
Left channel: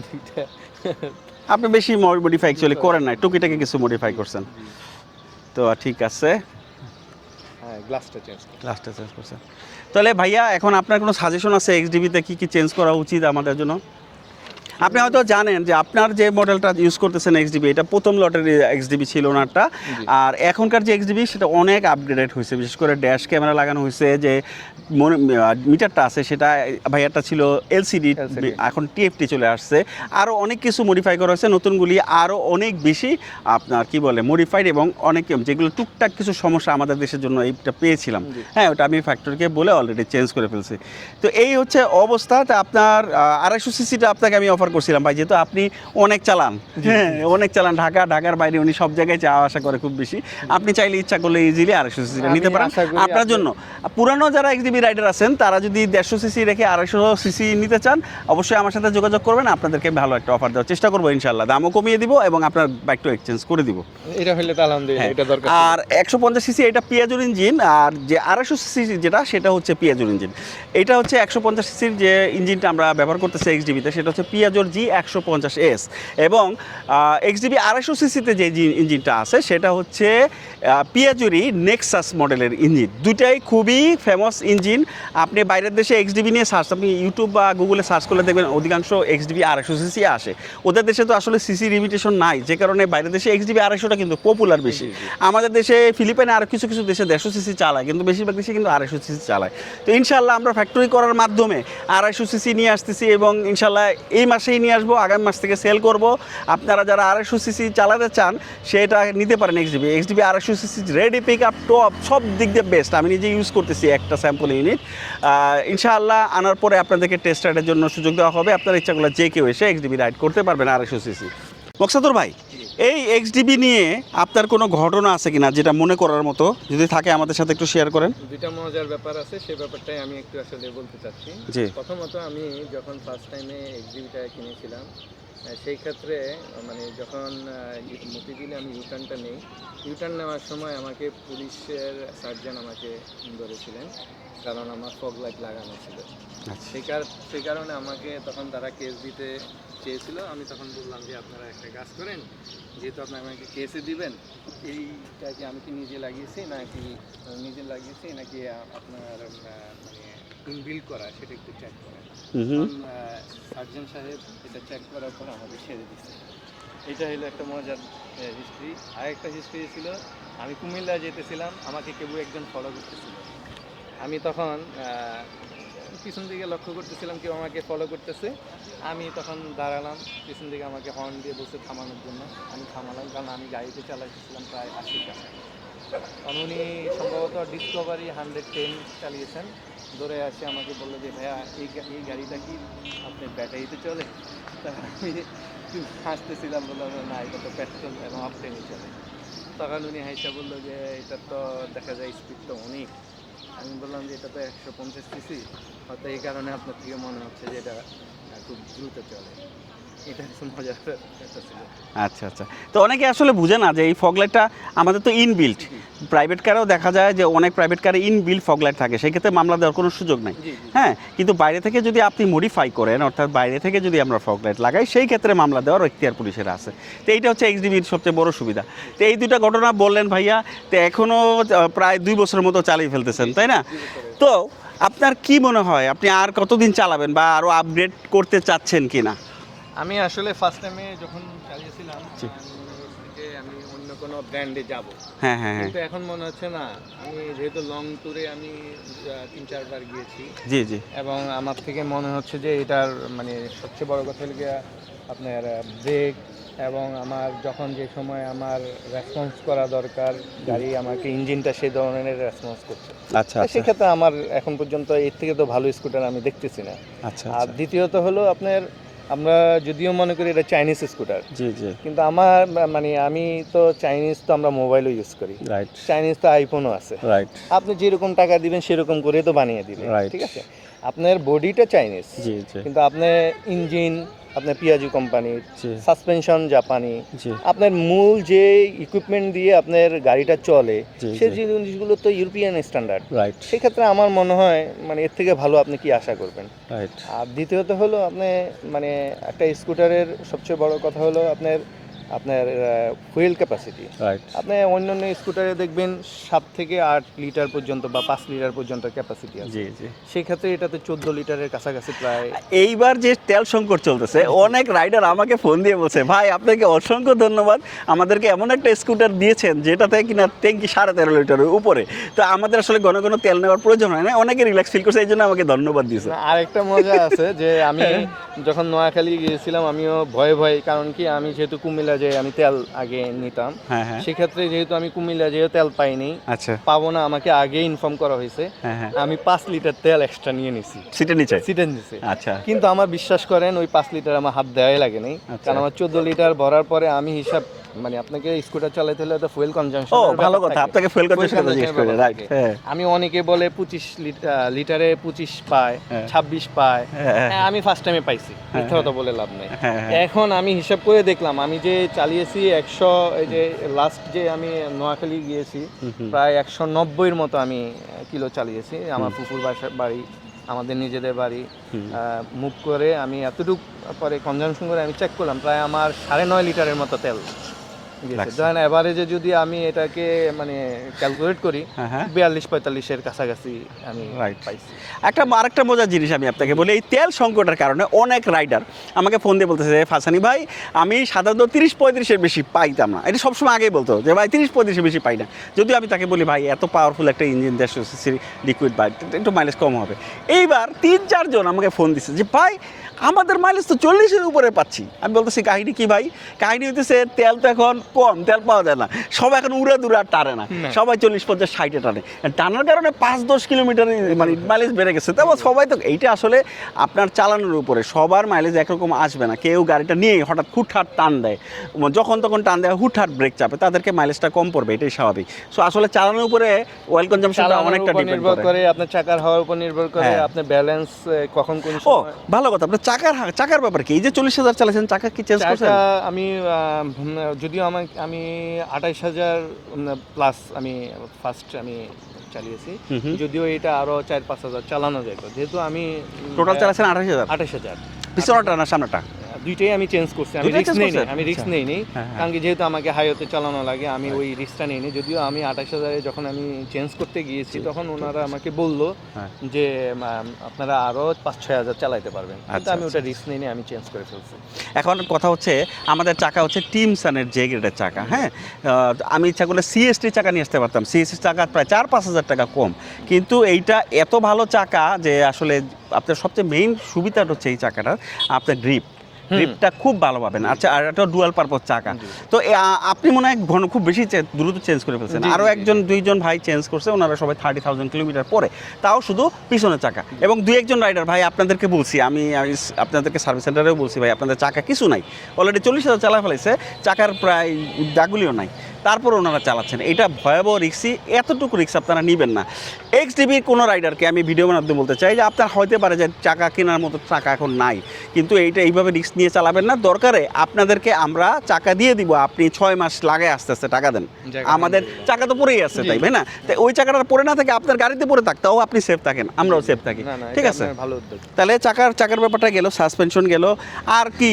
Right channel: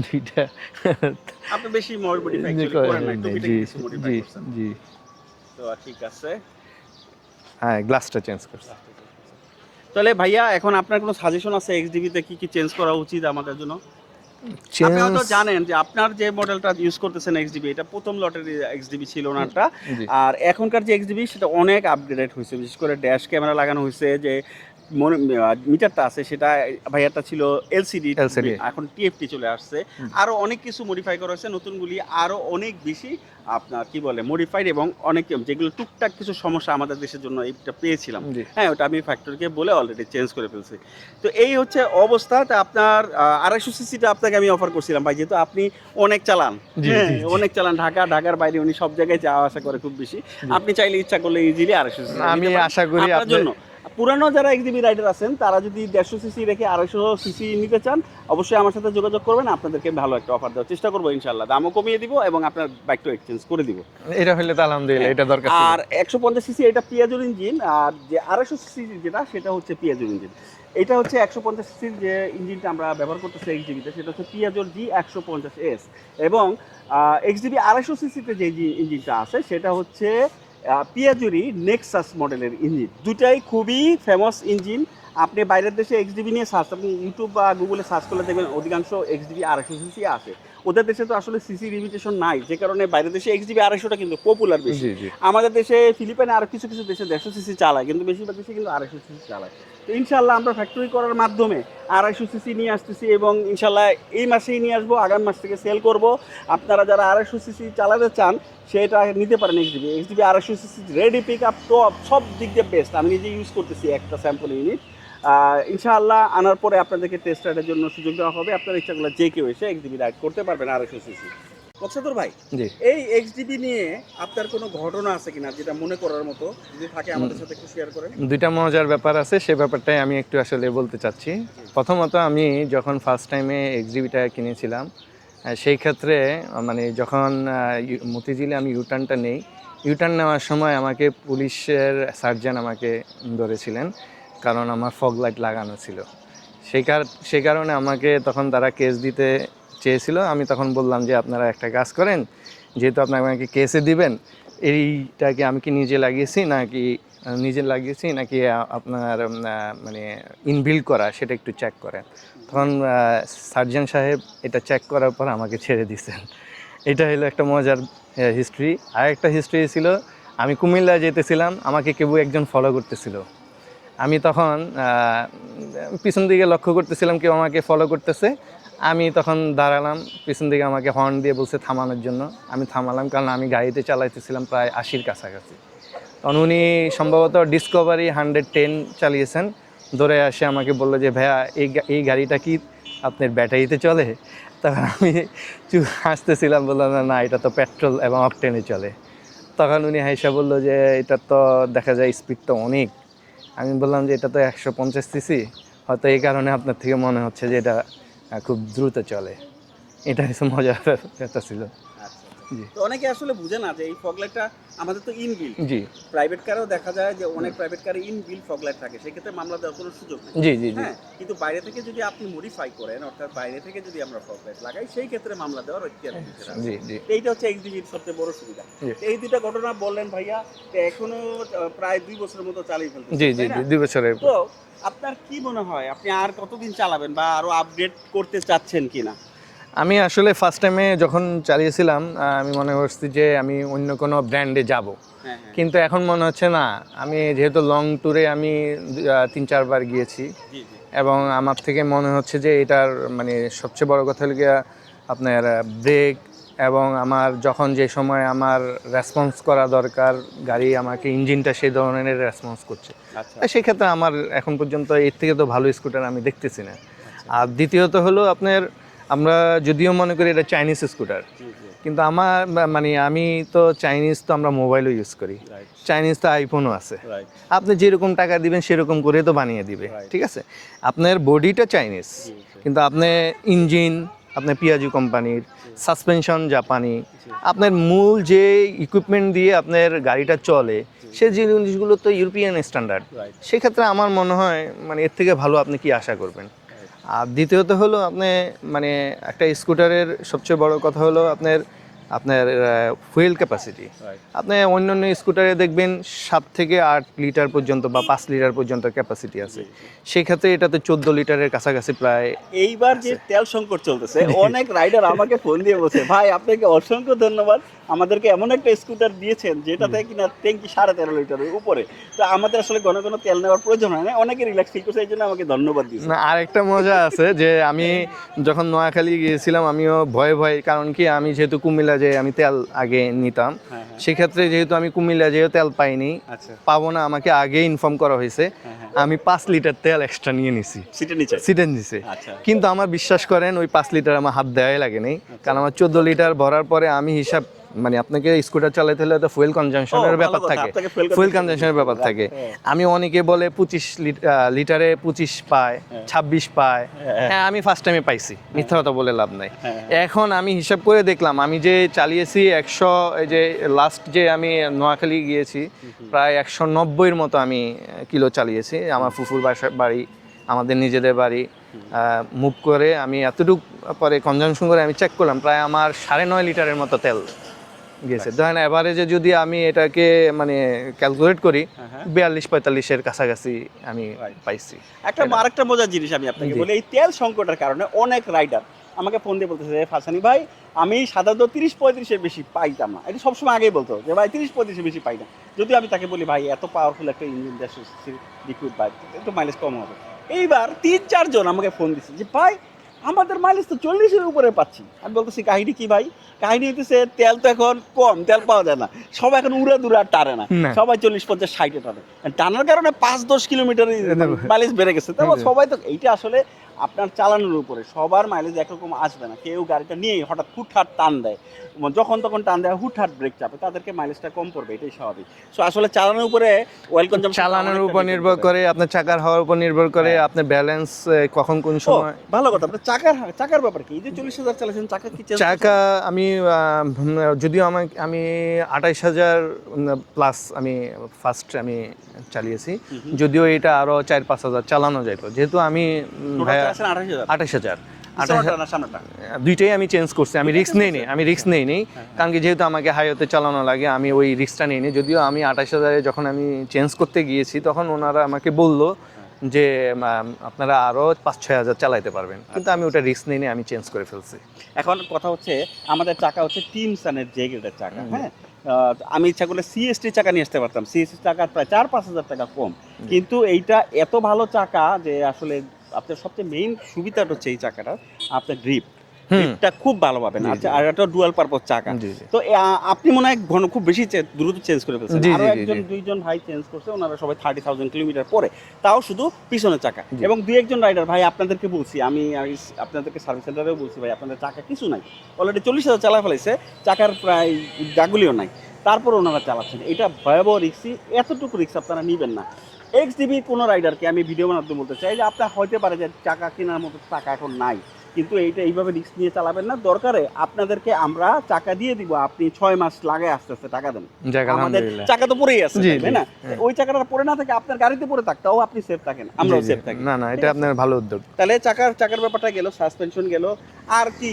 দুইটা আপনি বেশি মডিফাই অ্যাকচুয়ালি করেন না, টুকিটাকি কিছু মডিফাই করছেন। জি, তো ঠিক আছে, হ্যাঁ গ্লাসটা চেঞ্জ করছি। লাস্টে চেঞ্জ করছেন। তাহলে ভাইয়া এখন আপনার কোনো সাজেশন আছে এক্সডিবিতে কি কি চেঞ্জ করা উচিত আমাদের জন্য? আপনি হয়তো জানেন যে আপনার যে মডেলটা ইউজ করতেছেন এক্সডিবি, এটা প্রথম লটের এক্সডিবি ছিল ওনারটা। আর এখনকার যে এক্সডিবি সেটা অনেক আপগ্রেডেড হয়েছে, বিশেষ করে ড্যাশ ক্যামেরা লাগানো হয়েছে, যে মিটারটা আছে সেটা ভাইয়াটা ছিল এলসিডি, এখন টিএফটি চলে আসছে। আরও অনেক কিছু মডিফাই করা হয়েছে, নতুনগুলি আরও অনেক বেশি আপনার কি বলে মডিফাইড, এবং অনেক যেগুলো টুকটাক কিছু সমস্যা আমাদের দেশের জন্য এইটা পেয়েছিলাম, হ্যাঁ ওটা আমি ফ্যাক্টরিকে বলে অলরেডি চেঞ্জ করে ফেলছি। তো এই হচ্ছে অবস্থা। তো আপনার 250 সিসিটা আপনাকে আমি অফার করছিলাম ভাই, যেহেতু আপনি অনেক চালান, হ্যাঁ অনেক চালান, ঢাকার বাইরে উনি সব জায়গায় যাওয়া আসা করে খুব বেশি। আপনি চাইলে ইচ্ছা করলে ইজিলি 250 সিসি নিতে পারেন আপনার জন্য। পুরানো যারা এক্সডিবি রাইডার আছেন তারা যদি 150 সিসি রেখে 250 সিসি নিতে চান, অবশ্যই আমার সাথে যোগাযোগ করবেন, আপনাদেরকে ভালো একটা অফার দেওয়ার চেষ্টা করবো ইনশাল্লাহ। দামও কমিয়ে দিব এবং আপনার বাইকটা এক্সচেঞ্জ করে দিব। এটা হলে তো আলহামদুলিল্লাহ, এটা দরকার। আর 150 সিসি এটা পিয়াজোর ইঞ্জিন, আর যে 250 সিসি যেটা সেটা হচ্ছে পিয়াজোর ইঞ্জিন। এটা হচ্ছে 150 সিসির যে ইঞ্জিনটা আমরা ব্যবহার করতেছি এক্সডিবিতে, সেটা হচ্ছে পিয়াজোর G150S, এবং এক্সডিবি 250 সিসিতে যে ইঞ্জিনটা আছে সেটা হচ্ছে পিয়াজোরই নেক্সাস মডেলের ইঞ্জিন। দুটাই খুবই ফেমাস ইঞ্জিন। আপনি বাইরের দেশে এক্সডিবি নিয়ে সার্চ, আপনি ইউটিউব বা গুগলে সার্চ করলে দেখবেন অধিকাংশ এক্সডিবি 250 সিসি আসে। ওদের দেশে তো আসলে সিসি লিমিটেশন নাই, যে কারণে বাইরের দেশে এক্সডিবি 250টা কিন্তু পপুলার বেশি। আমাদের দেশে ফিলিপাইনে আর কিছু কিছু দেশে 150 সিসি চালায়, কিন্তু বেশিরভাগ দেশে কিন্তু 250 সিসি চালায়। তো ইনশাল্লাহ আমরা ফ্যাক্টরি করার মাধ্যমে 250 সিসি নিয়ে আসতেছি, এবং ইনশাল্লাহ এই মাসেই নিয়ে আসবো, আগামী মাস থেকে সেল করব। আপনারা যারা 250 সিসি চালাতে চান সেটা নিতে পারেন XDB 250 CC ready pick up top, সব দিক দিয়ে বেস্ট। আমি নিজে ইউজ করতেছি একটা স্যাম্পল ইউনিট। ইনশাআল্লাহ আনার পরে আপনাদেরকে টেস্ট রাইডের জন্য সুযোগ দেওয়া হবে। আপনার ইচ্ছা করলে যে কেউ এসে এক্সডিবি রাইড করতে পারবেন 250 সিসি। মোকসাদুর ভাই, এই এক্সডিবি নিয়ে আপনার কোনো ঘটনা আছে কিনা যেটা মনে করার মতো? যদি থাকে আমাদের সাথে একটু শেয়ার করেন। দুইটা মজার ব্যাপার আছে, সেই ব্যাপারটাই আমি একটু আসলে বলতে চাচ্ছি। প্রথমত আমি যখন ফার্স্ট টাইমে এক্সডিবিটা কিনেছিলাম, সেই ক্ষেত্রে মানে যখন মতিঝিলে আমি ইউটার্নটা নেই, ইউটার্ন নেওয়ার সময় আমাকে পুলিশের সার্জন আমাকে ধরেছিলেন, কারণ আমার ফগ লাইট লাগানো ছিল। সেই কারণে আমাকে তখন তারা কেস দিতে চেয়েছিল। আমি তখন বললাম যে আপনারা একটা কাজ করেন, যেহেতু আপনারা আমাকে কেসে দিবেন, এইটাকে আমি কি নিজে লাগিয়েছি নাকি আপনার মানে ইনবিল্ড করা, সেটা একটু চেক করেন। তখন সার্জন সাহেব এটা চেক করার পর আমাকে ছেড়ে দিয়েছেন। এটা হলো একটা মজার হিস্ট্রি। আর একটা হিস্ট্রি ছিল, আমি কুমিল্লা যেতেছিলাম, আমাকে কেউ একজন ফলো করতেছিল। আমি তখন পিছন দিকে লক্ষ্য করতেছিলাম কেউ আমাকে ফলো করতেছে। আমি তখন দাঁড়ালাম, পিছন দিকে আমাকে হর্ন দিয়ে বলছে থামানোর জন্য। আমি থামালাম, কারণ আমি গাড়িতে চালাইতেছিলাম প্রায় 80-র কাছাকাছি। কারণ উনি সম্ভবত ডিসকভারি 110 চালিয়েছেন। ধরে আসে আমাকে বললো যে ভাইয়া এই গাড়িটা কি আপনার ব্যাটারিতে চলে? তখন আমি হাসতেছিলাম, বললাম না এটা তো পেট্রোল এবং অকটেনে চলে। তখন উনি হাইসা বললো যে এটা তো দেখা যায় স্পিড তো অনেক। আমি বললাম যে এটা তো 150 সিসি, হয়তো এই কারণে আপনার থেকে মনে হচ্ছে যে এটা খুব দ্রুত চলে। এটা হচ্ছে মজার একটা ছিল। আচ্ছা আচ্ছা। তো অনেকে আসলে বুঝে না যে এই ফগলাইটটা আমাদের তো ইনবিল্ট। প্রাইভেট কারেও দেখা যায় যে অনেক প্রাইভেট কারে ইনবিল্ট ফগলাইট থাকে, সেই ক্ষেত্রে মামলা দেওয়ার কোনো সুযোগ নেই। হ্যাঁ, কিন্তু বাইরে থেকে যদি আপনি মডিফাই করেন, অর্থাৎ বাইরে থেকে যদি আমরা ফগলাইট লাগাই, সেই ক্ষেত্রে মামলা দেওয়ার এখতিয়ার পুলিশের আছে। তো এইটা হচ্ছে এক্সডিবির সবচেয়ে বড় সুবিধা। তো এই দুইটা ঘটনা বললেন ভাইয়া, তো এখনো প্রায় 2 বছরের মতো চালিয়ে ফেলতেছেন, তাই না? 2 বছরের। তো আপনার কি মনে হয় আপনি আর কতদিন চালাবেন, বা আরো আপগ্রেড করতে চাচ্ছেন কিনা? আমি আসলে ফার্স্ট টাইমে যখন চালিয়েছিলাম আমি মনে করছি যে আমি অন্য কোনো ব্র্যান্ডে যাব, হ্যাঁ হ্যাঁ কিন্তু এখন মনে হচ্ছে না। আমি যেহেতু লং ট্যুরে আমি 3-4 বার গিয়েছি, জি জি এবং আমার থেকে মনে হচ্ছে যে এটার মানে সবচেয়ে বড় কথা হলো গিয়া আপনার ব্রেক, এবং আমার যখন যে সময় আমার রেসপন্স করা দরকার গাড়ি আমাকে ইঞ্জিনটা সেই ধরনের রেসপন্স করছে। আচ্ছা সেক্ষেত্রে আমার এখন পর্যন্ত এর থেকে তো ভালো স্কুটার আমি দেখতেছি না। আচ্ছা আর দ্বিতীয়ত হলো আপনার, আমরা যদিও মনে করি এটা চাইনিজ স্কুটার, জি জি কিন্তু আমার মানে আমি তো চাইনিজ তো আমরা মোবাইলও ইউজ করি, রাইট চাইনিজ তো আইফোনও আছে। রাইট আপনি যেরকম টাকা দিবেন সেরকম করে তো বানিয়ে দিবে, Right. ঠিক আছে। আপনার বডিটা চাইনিজ, জি জি কিন্তু আপনি ইঞ্জিন আপনার পিয়াজু কোম্পানির, জি। সাসপেনশন জাপানি, জি আপনার মূল যে ইকুইপমেন্ট দিয়ে আপনার গাড়িটা চলে জি, সেই জি। জিনিসগুলো তো ইউরোপিয়ান স্ট্যান্ডার্ড। রাইট সেক্ষেত্রে আমার মনে হয় মানে এর থেকে ভালো আপনি কি আশা করবেন। রাইট আর দ্বিতীয়ত হলো আপনি মানে একটা স্কুটারের সবচেয়ে বড় কথা হলো আপনার আপনার ফুয়েল ক্যাপাসিটি। রাইট আপনি অন্যান্য স্কুটারে দেখবেন 7 থেকে 8 লিটার পর্যন্ত বা 5 লিটার পর্যন্ত ক্যাপাসিটি আছে, জি জি সেই ক্ষেত্রে এটাতে 14 লিটারের কাছাকাছি প্রায়। এইবার যে তেল সংকট চলতেছে, অনেক রাইডার আমাকে ফোন দিয়ে বলছে ভাই আপনাকে অসংখ্য ধন্যবাদ, আমাদেরকে এমন একটা স্কুটার দিয়েছেন যেটাতে কিনা ট্যাঙ্কি 13.5 লিটারের উপরে, তো আমাদের আসলে ঘন ঘন তেল নেওয়ার প্রয়োজন হয় না, অনেকে রিল্যাক্স ফিল করছে, এই জন্য আমাকে ধন্যবাদ দিয়েছে। না, আরেকটা মজা আছে যে আমি যখন নোয়াখালী গিয়েছিলাম আমিও ভয়ে ভয়ে, কারণ কি আমি যেহেতু কুমিল্লা যে আমি তেল আগে নিতাম, হ্যাঁ হ্যাঁ সেক্ষেত্রে যেহেতু আমি কুমিল্লা যেহেতু তেল পাইনি, আচ্ছা পাবো না, আমাকে আগে ইনফর্ম করা হয়েছে, হ্যাঁ হ্যাঁ আমি 5 লিটার তেল এক্সট্রা নিয়ে নিছি, সিটের নিচে সিটেন দিছি। আচ্ছা কিন্তু আমার বিশ্বাস করেন ওই 5 লিটার আমার হাত দেওয়াই লাগে নাই, কারণ আমার 14 লিটার ভরার পরে আমি হিসাব মানে আপনাকে স্কুটার চালাতে হলে তো ফুয়েল ও কনজাম্পশনের ভালো ব্যাপার কথা, থাকে, আপনাকে ফুয়েল ফুয়েল কনজাম্পশনের ব্যাপার থাকে। আমি অনেকে বলে 25 লিটারে 25 পায়, 26 পায়, হ্যাঁ আমি ফার্স্ট টাইমে পাইছি, মিথ্যা কথা বলে লাভ নাই। এখন আমি হিসাব করে দেখলাম আমি যে চালিয়েছি 100, এই যে লাস্ট যে আমি নোয়াখালী গিয়েছি প্রায় 190 এর মতো আমি কিলো চালিয়েছি। আমার ফুফুর বাড়ি, আমাদের নিজেদের বাড়ি মুভ করে আমি এতটুকু পরে কনজাম্পশন করে আমি চেক করলাম প্রায় আমার 9.5 লিটারের মতো তেল গেছে। ধরেন এভারেজে যদি আমি এটাকে মানে ক্যালকুলেট করি 42-45 এর কাছাকাছি আমি পাইছি। আরেকটা মজার জিনিস আমি আপনাকে বলি, এই তেল সংকটের কারণে অনেক রাইডার আমাকে ফোন দিয়ে বলতেছে ফাসানি ভাই আমি সাধারণত 30-35 বেশি পাইতাম না, এটা সবসময় আগে বলতো যে ভাই 30-35 বেশি পাই না। যদি আমি তাকে বলি ভাই এত পাওয়ারফুল একটা ইঞ্জিন 150 সিসির লিকুইড বাইক, একটু মাইলেজ কম হবে। এইবার 3-4 জন আমাকে ফোন দিচ্ছে যে ভাই আমাদের মাইলেজ তো 40-এর উপরে পাচ্ছি। আমি বলতেছি কাহিনী কি ভাই? কাহিনী হইতেছে তেল তো এখন কম, তেল পাওয়া যায় না, সবাই এখন উড়া দুরা টানে না, সবাই 40-50-60-এ টানে, টানার কারণে 5-10 কিলোমিটার মানে মাইলেজ বেড়ে গেছে। তারপর সবাই তো এইটা আসলে আপনার চালানোর উপরে, সবার মাইলেজ একরকম আসবে না। কেউ গাড়িটা নিয়ে হঠাৎ হুটহাট টান দেয়, যখন তখন টান দেয়, হুটহাট ব্রেক চাপে, তাদেরকে মাইলেজটা কম পড়বে, এটাই স্বাভাবিক। সো আসলে চালানোর উপরে অয়েল কনজাম্পশনটা অনেকটা নির্ভর করে, আপনার চাকার হওয়ার উপর নির্ভর করে, আপনার ব্যালেন্স কখন কোন ও সময়। ভালো কথা, আপনার চাকার ব্যাপার কি? এই যে 40,000 চালাচ্ছেন, চাকা কি চেঞ্জ করছেন? চাকা আমি যদিও আমি 28,000 প্লাস আমি ফার্স্ট আমি চালিয়েছি, যদিও এটা আরো 4-5 হাজার চালানো যায়, যেহেতু আমি টোটাল চালাচ্ছেন 28,000। 28,000 পিছনটা না সামনেটা? দুইটাই আমি চেঞ্জ করছি, আমি রিস্ক নেই, আমি রিস্ক নেইনি, হ্যাঁ। কারণ কি যেহেতু আমাকে হাইওয়েতে চালানো লাগে আমি ওই রিস্কটা নেইনি। যদিও আমি 28,000-এ যখন আমি চেঞ্জ করতে গিয়েছি তখন ওনারা আমাকে বললো যে আপনারা আরো 5-6 হাজার চালাইতে পারবেন, কিন্তু আমি ওটা রিস্ক নেইনি, আমি চেঞ্জ করে ফেলছি। এখন কথা হচ্ছে আমাদের চাকা হচ্ছে টিমসানের যে গ্রেডের চাকা, হ্যাঁ আমি ইচ্ছা করলে সিএসটি চাকা নিয়ে আসতে পারতাম, সিএসটি চাকা প্রায় 4-5 হাজার টাকা কম, কিন্তু এইটা এত ভালো চাকা যে আসলে আপনার সবচেয়ে মেইন সুবিধাটা হচ্ছে এই চাকাটা আপনার গ্রিপটা খুব ভালো পাবেন। আচ্ছা, আর একটা ডুয়াল পারপাস চাকা, তো আপনি মনে হয় খুব বেশি দ্রুত চেঞ্জ করে ফেলছেন। আরো 1-2 জন ভাই চেঞ্জ করছে, ওনারা সবাই 30,000 কিলোমিটার পরে, তাও শুধু পিছনের চাকা। এবং 2-1 রাইডার ভাই আপনাদেরকে বলছি, আমি আপনাদেরকে সার্ভিস সেন্টারেও বলছি ভাই আপনাদের চাকা কিছু নাই, অলরেডি 40,000 চালা ফেলেছে, চাকার প্রায় দাগুলিও নাই, তারপর ওনারা চালাচ্ছেন। এটা ভয়াবহ রিক্সি, এতটুকু রিক্স আপনারা নেবেন না। এক্সডিবির কোনো রাইডারকে আমি ভিডিওর মাধ্যমে বলতে চাই যে আপনার হতে পারে যে চাকা কেনার মতো টাকা এখন নাই, কিন্তু এইভাবে রিক্স নিয়ে চালাবেন না। দরকারে আপনাদেরকে আমরা চাকা দিয়ে দিব, আপনি 6 মাস লাগায় আস্তে আস্তে টাকা দেন। আমাদের চাকা তো পরেই আছে, তাই না? ওই চাকাটা পরে না থাকে, আপনার গাড়িতে পরে থাকতেও আপনি সেফ থাকেন, আমরাও সেফ থাকি। ঠিক আছে, ভালো উদ্যোগ। তাহলে চাকার ব্যাপারটা গেল, সাসপেনশন গেল, আর কি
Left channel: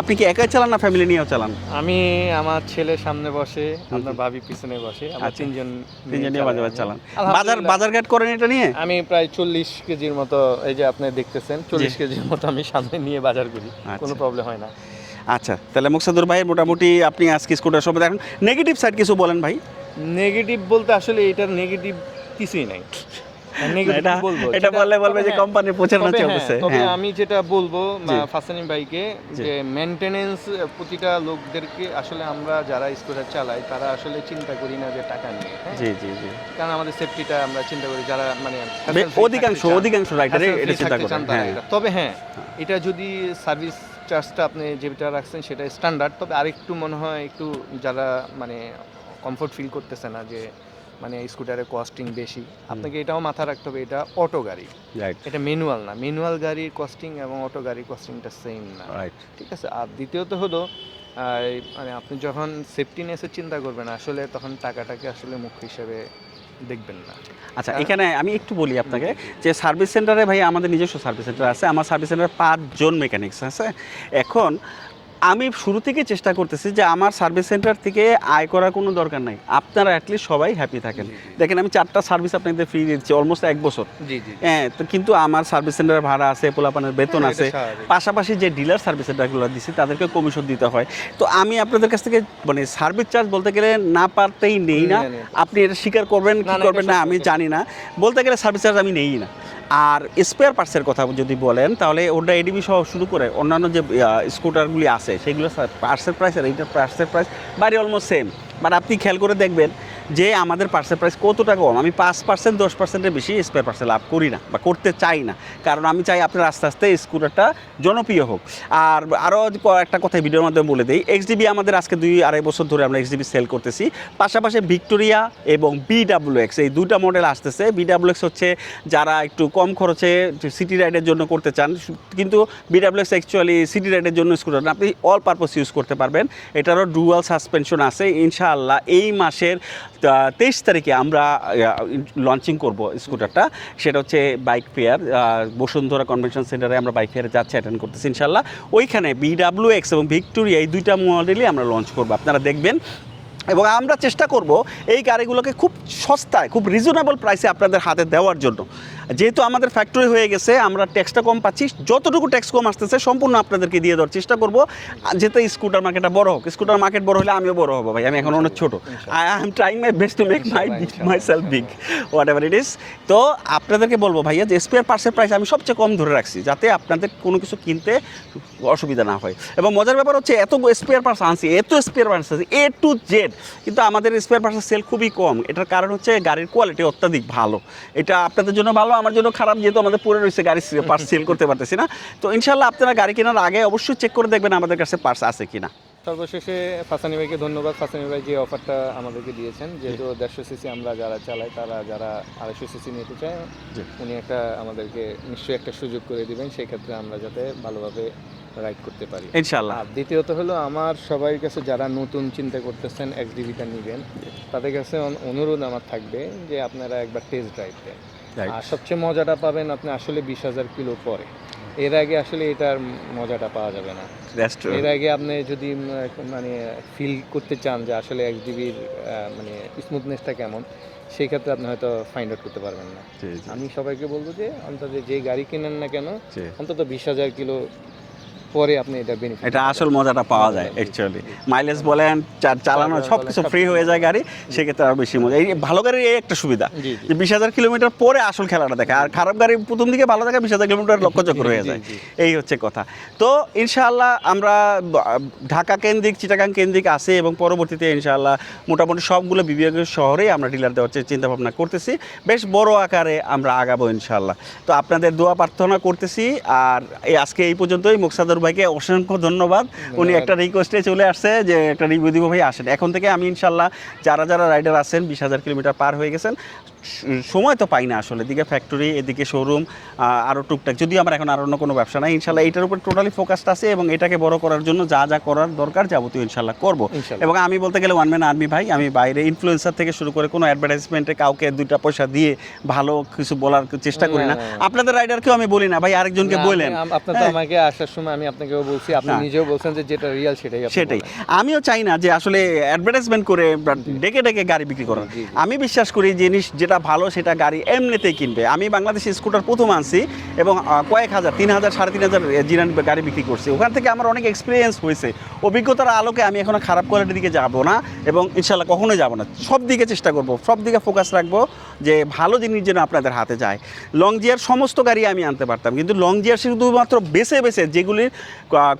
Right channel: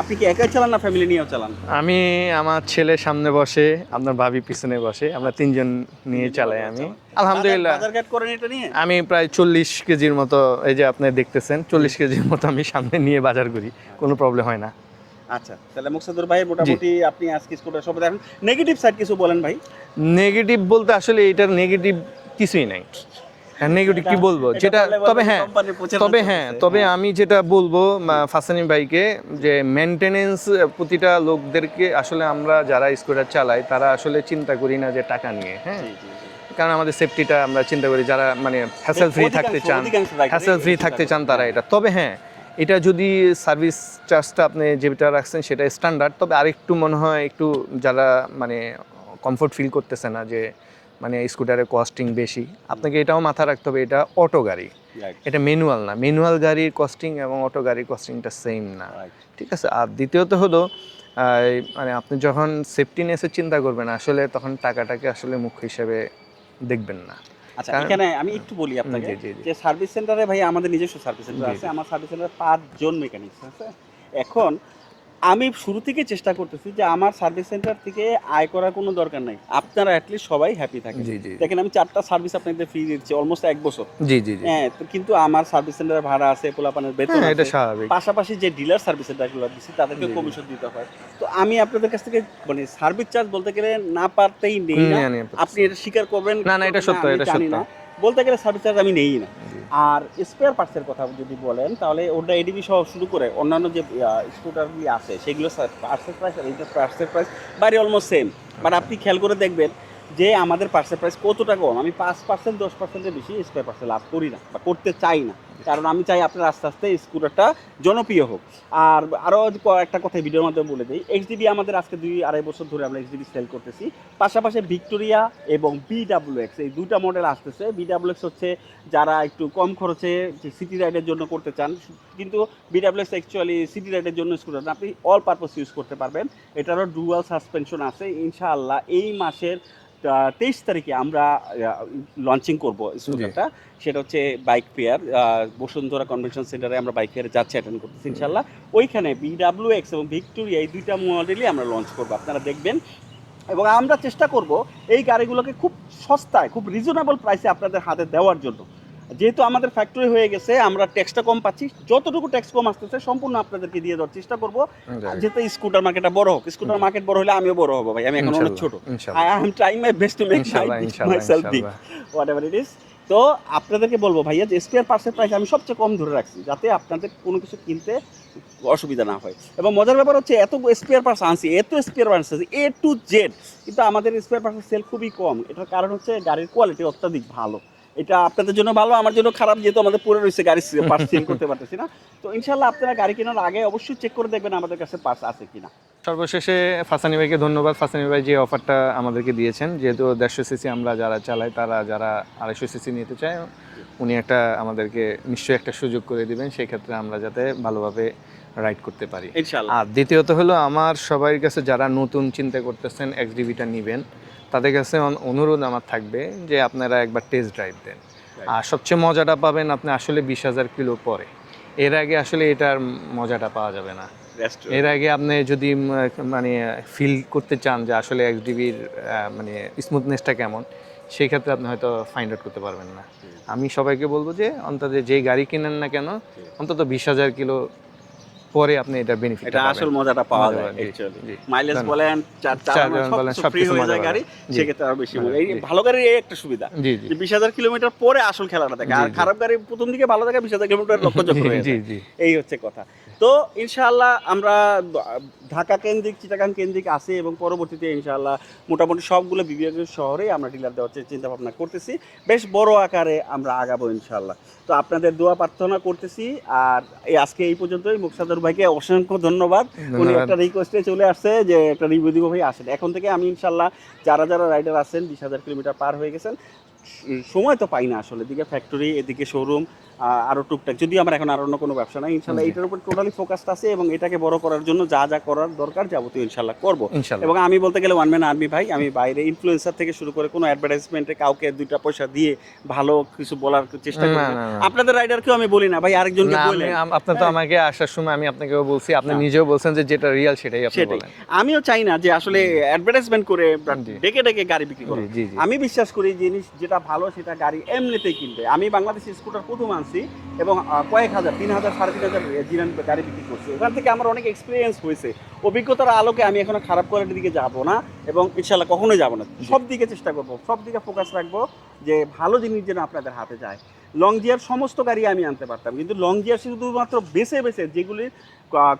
আপনি কি একাই চালান না ফ্যামিলি নিয়েও চালান? আমি আমার ছেলে সামনে বসে, আপনার ভাবি পিছনে বসে, আমরা তিনজন নিয়ে চালাই। চালান। আলহামদুলিল্লাহ বাজারঘাট করেন এটা নিয়ে? আমি প্রায় 40 কেজির মতো, এই যে আপনি দেখতেছেন 40 কেজির মতো আমি সামনে নিয়ে বাজার করি, কোনো প্রবলেম হয় না। আচ্ছা, তাহলে মুকসাদুর ভাই মোটামুটি আপনি আজকে স্কুটার সব দেখেন, নেগেটিভ সাইড কিছু বলেন ভাই। নেগেটিভ বলতে আসলে এটার নেগেটিভ কিছুই নাই। নেগেটিভ কি বলবো, এটা বললে বলবে তবে যে হ্যাঁ, কোম্পানির প্রচারণা চলতেছে। তবে আমি যেটা বলবো ফাসানি ভাইকে, যে মেইনটেনেন্স প্রতিটা লোকদেরকে আসলে আমরা যারা স্কুটার চালাই তারা আসলে চিন্তা করি না যে টাকা নিয়ে, হ্যাঁ, জি জি জি, কারণ আমাদের সেফটিটা আমরা চিন্তা করি, যারা মানে হ্যাসেল ফ্রি থাকতে চান, অধিকাংশ রাইডারই হ্যাসেল ফ্রি এটা চিন্তা থাকতে চান করেন, তারা হ্যাঁ। এটা। তবে হ্যাঁ, এটা যদি সার্ভিস চার্জটা আপনি যেটা রাখছেন সেটা স্ট্যান্ডার্ড, তবে আরেকটু মনে হয় একটু যারা মানে কমফোর্ট ফিল করতেছে না যে মানে স্কুটারের কস্টিং বেশি, আপনাকে এটাও মাথায় রাখতে হবে এটা অটো গাড়ি, রাইট এটা ম্যানুয়াল না। ম্যানুয়াল গাড়ির কস্টিং এবং অটো গাড়ির কস্টিংটা সেম না, রাইট। ঠিক আছে। আর দ্বিতীয়ত হলো মানে আপনি যখন সেফটিনেসের চিন্তা করবেন আসলে তখন টাকাটাকে আসলে মুখ্য হিসেবে দেখবেন না। আচ্ছা, এখানে আমি একটু বলি আপনাকে জি, জি, জি। যে সার্ভিস সেন্টারে ভাই আমাদের নিজস্ব সার্ভিস সেন্টার আছে, আমার সার্ভিস সেন্টারে 5 জন মেকানিক্স আছে। এখন আমি শুরু থেকে চেষ্টা করতেছি যে আমার সার্ভিস সেন্টার থেকে আয় করার কোনো দরকার নাই, আপনারা অ্যাটলিস্ট সবাই হ্যাপি থাকেন। জি, জি। দেখেন আমি 4টা সার্ভিস আপনাদের ফ্রি দিচ্ছি অলমোস্ট 1 বছর। জি জি হ্যাঁ, তো কিন্তু আমার সার্ভিস সেন্টারের ভাড়া আছে, পোলাপানের বেতন হ্যাঁ, এটা আছে, স্বাভাবিক। পাশাপাশি যে ডিলার সার্ভিস সেন্টারগুলো দিচ্ছি তাদেরকে কমিশন দিতে হয়। তো আমি আপনাদের কাছ থেকে মানে সার্ভিস চার্জ বলতে গেলে না পারতেই নেই না, নিয়ে আপনি এটা স্বীকার করবেন কি না, না, এটা করবেন না সত্য, আমি এটা জানি সত্য। না, বলতে গেলে সার্ভিস চার্জ আমি নেই না। আর স্পেয়ার পার্টসের কথা যদি বলেন তাহলে ওটা এডিবি সহ শুরু করে অন্যান্য যে স্কুটারগুলি আছে সেগুলো পার্টসের প্রাইস আর এইটার পার্টসের প্রাইস বাইরে অলমোস্ট সেম। বাট আপনি খেয়াল করে দেখবেন যে আমাদের পার্সেল প্রাইস কতটা কম। আমি 5% 10%-এর বেশি স্পেয়ার পার্সেল লাভ করি না বা করতে চাই না, কারণ আমি চাই আপনার আস্তে আস্তে স্কুটারটা জনপ্রিয় হোক। আর আরও একটা কথা ভিডিওর মাধ্যমে বলে দিই, এক্সডিবি আমাদের আজকে 2-2.5 বছর ধরে আমরা এক্সডিবি সেল করতেছি। পাশাপাশি ভিক্টোরিয়া এবং বিডাব্লিউএক্স এই দুইটা মডেল আসতেছে। বিডাব্লিউএক্স হচ্ছে যারা একটু কম খরচে সিটি রাইডের জন্য করতে চান, কিন্তু বিডাব্লিউএক্স অ্যাকচুয়ালি সিটি রাইডের জন্য স্কুটার না, আপনি অল পারপাস ইউজ করতে পারবেন। এটারও ডুয়াল সাসপেনশন আছে। ইনশাআল্লাহ এই মাসের 23 তারিখে আমরা লঞ্চিং করব স্কুটারটা, সেটা হচ্ছে বাইক ফেয়ার, বসুন্ধরা কনভেনশন সেন্টারে আমরা বাইক ফেয়ারে যাচ্ছি, অ্যাটেন্ড করতেছি ইনশাআল্লাহ। ওইখানে বিডাব্লিউএক্স এবং ভিক্টোরিয়া এই দুইটা মডেলই আমরা লঞ্চ করব, আপনারা দেখবেন। এবং আমরা চেষ্টা করব এই গাড়িগুলোকে খুব সস্তায়, খুব রিজনেবল প্রাইসে আপনাদের হাতে দেওয়ার জন্য। যেহেতু আমাদের ফ্যাক্টরি হয়ে গেছে, আমরা ট্যাক্সটা কম পাচ্ছি, যতটুকু ট্যাক্স কম আসতেছে সম্পূর্ণ আপনাদেরকে দিয়ে দেওয়ার চেষ্টা করব, যাতে স্কুটার মার্কেটটা বড় হোক। স্কুটার মার্কেট বড় হলে আমিও বড় হবো ভাই, আমি এখন অনেক ছোট। I am trying my best to make my self big, what ever it is. তো আপনাদেরকে বলবো ভাইয়া যে স্পেয়ার পার্টসের প্রাইস আমি সবচেয়ে কম ধরে রাখছি, যাতে আপনাদের কোনো কিছু কিনতে অসুবিধা না হয়। এবং মজার ব্যাপার হচ্ছে এত স্পেয়ার পার্টস আনছি, এত স্পেয়ার পার্টস আছে A to Z, কিন্তু আমাদের স্পেয়ার পার্টসের সেল খুবই কম। এটার কারণ হচ্ছে গাড়ির কোয়ালিটি অত্যাধিক ভালো। এটা আপনাদের জন্য ভালো, আমার জন্য খারাপ, যেহেতু আমাদের পরে রয়েছে গাড়ি পার্টস সেল করতে পারতেছি না। তো ইনশাল্লাহ আপনারা গাড়ি কেনার আগে অবশ্যই চেক করে দেখবেন আমাদের কাছে পার্টস আছে কিনা। সর্বশেষে ফাসানি ভাইকে ধন্যবাদ। ফাসানি ভাই যে অফারটা আমাদেরকে দিয়েছেন, যেহেতু 150 সিসি আমরা যারা চালাই, তারা যারা 250 সিসি নিতে চায়, উনি একটা আমাদেরকে নিশ্চয়ই একটা সুযোগ করে দিবেন, সেই ক্ষেত্রে আমরা যাতে ভালোভাবে রাইড করতে পারি ইনশাআল্লাহ। আর দ্বিতীয়ত হলো আমার সবার কাছে যারা নতুন চিন্তা করতেছেন এক্সডিবিটা নেবেন, তাদের কাছে অনুরোধ আমার থাকবে যে আপনারা একবার টেস্ট ড্রাইভ দেন। আর সবচেয়ে মজাটা পাবেন আপনি আসলে 20,000 কিলো পরে, এর আগে আসলে এটার মজাটা পাওয়া যাবে না। এর আগে আপনি যদি মানে ফিল করতে চান যে আসলে এক্সডিবির মানে স্মুথনেসটা কেমন, সেই ক্ষেত্রে আপনি হয়তো ফাইন্ড আউট করতে পারবেন না। আমি সবাইকে বলবো যে অন্তত যেই গাড়ি কিনেন না কেন, অন্তত 20,000 কিলো পরে আপনি এটা বেনিফিট, এটা আসল মজাটা পাওয়া যায় অ্যাকচুয়ালি। মাইলেজ বলেন, চালানো সবকিছু ফ্রি হয়ে যায় গাড়ি, সেক্ষেত্রে আরো বেশি মজা। এই ভালো গাড়ির এই একটা সুবিধা যে 20,000 কিলোমিটার পরে আসল খেলাটা দেখে, আর খারাপ গাড়ি প্রথম দিকে ভালো থাকে, 20,000 কিলোমিটার লক্ষ্যচক্র হয়ে যায়। এই হচ্ছে কথা। তো ইনশাআল্লাহ আমরা ঢাকা কেন্দ্রিক, চিটাগাং কেন্দ্রিক আছে, এবং পরবর্তীতে ইনশাআল্লাহ মোটামুটি সবগুলো বিভাগীয় শহরে আমরা ডিলার দেওয়ার চিন্তা ভাবনা করতেছি। বেশ বড় আকারে আমরা আগাবো ইনশাআল্লাহ। তো আপনাদের দোয়া প্রার্থনা করতেছি। আর আজকে এই পর্যন্তই। মুকসাদুর ভাইকে অসংখ্য ধন্যবাদ। উনি একটা রিকোয়েস্টে চলে আসছে যে একটা রিভিউ দিব, ভাই আসেন। এখন থেকে আমি ইনশাআল্লাহ যারা যারা রাইডার আছেন 20,000 কিলোমিটার পার হয়ে গেছেন, সময় তো পাই না আসলে, এদিকে ফ্যাক্টরি, এদিকে শোরুম, আরও টুকটাক, যদিও আমার এখন আর অন্য কোনো ব্যবসা নাই, ইনশাল্লাহ এটার উপর টোটালি ফোকাসড আছে এবং এটাকে বড় করার জন্য যা যা করার দরকার যাবতীয় ইনশাল্লাহ করবো। ইনশাল্লাহ। এবং আমি বলতে গেলে ওয়ান ম্যান আর্মি ভাই, আমি বাইরে ইনফ্লুয়েন্সার থেকে শুরু করে কোনো অ্যাডভার্টাইজমেন্টে কাউকে 2টা পয়সা দিয়ে ভালো কিছু বলার চেষ্টা করি না। না। আপনাদের রাইডারকেও আমি বলি না ভাই আরেকজনকে না, বলেন। আপনি তো আমাকে আসার সময় আমি আপনাকেও বলছি, আপনি না। নিজেও বলছেন যে যেটা রিয়েল সেটাই আপনি সেটাই, বলেন। আমিও চাই না যে আসলে অ্যাডভার্টাইজমেন্ট করে ডেকে ডেকে গাড়ি বিক্রি করার। জি, জি। আমি বিশ্বাস করি জিনিস যেটা ভালো সেটা গাড়ি এমনিতেই কিনবে। আমি বাংলাদেশে স্কুটার প্রথম আনছি এবং কয়েক হাজার, 3,000 3,500 জিরান গাড়ি বিক্রি করছি। ওখান থেকে আমার অনেক এক্সপিরিয়েন্স হয়েছে। অভিজ্ঞতার আলোকে আমি এখনো খারাপ কোয়ালিটির দিকে যাব না এবং ইনশাল্লাহ কখনোই যাব না। সব দিকে চেষ্টা করব, সব দিকে ফোকাস রাখবো যে ভালো জিনিস যেন আপনাদের হাতে যায়। লং জিয়ার সমস্ত গাড়ি আমি আনতে পারতাম, কিন্তু লং জিয়ার শুধুমাত্র বেছে বেছে যেগুলির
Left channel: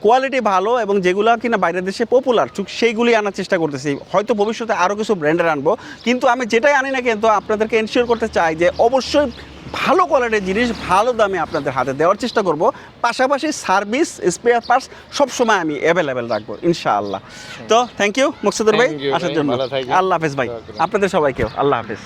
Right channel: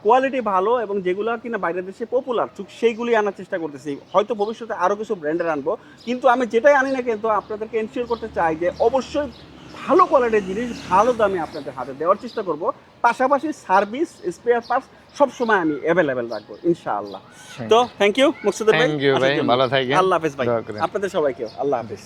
কোয়ালিটি ভালো এবং যেগুলো কিনা বাইরের দেশে পপুলার সেইগুলি আনার চেষ্টা করতেছি। হয়তো ভবিষ্যতে আরও কিছু ব্র্যান্ডের আনবো, কিন্তু আমি যেটাই আনি না কিন্তু আপনাদেরকে এনশিওর করতে চাই যে অবশ্যই ভালো কোয়ালিটির জিনিস ভালো দামে আপনাদের হাতে দেওয়ার চেষ্টা করব। পাশাপাশি সার্ভিস, স্পেয়ার পার্টস সবসময় আমি অ্যাভেলেবেল রাখবো ইনশাআল্লাহ। তো থ্যাংক ইউ মুকসিদুর ভাই Thank you আসার ভাই, জন্য। ভালো থাকবেন। আল্লাহ হাফেজ ভাই, দোয়া করি। আপনাদের সবাইকেও আল্লাহ হাফেজ।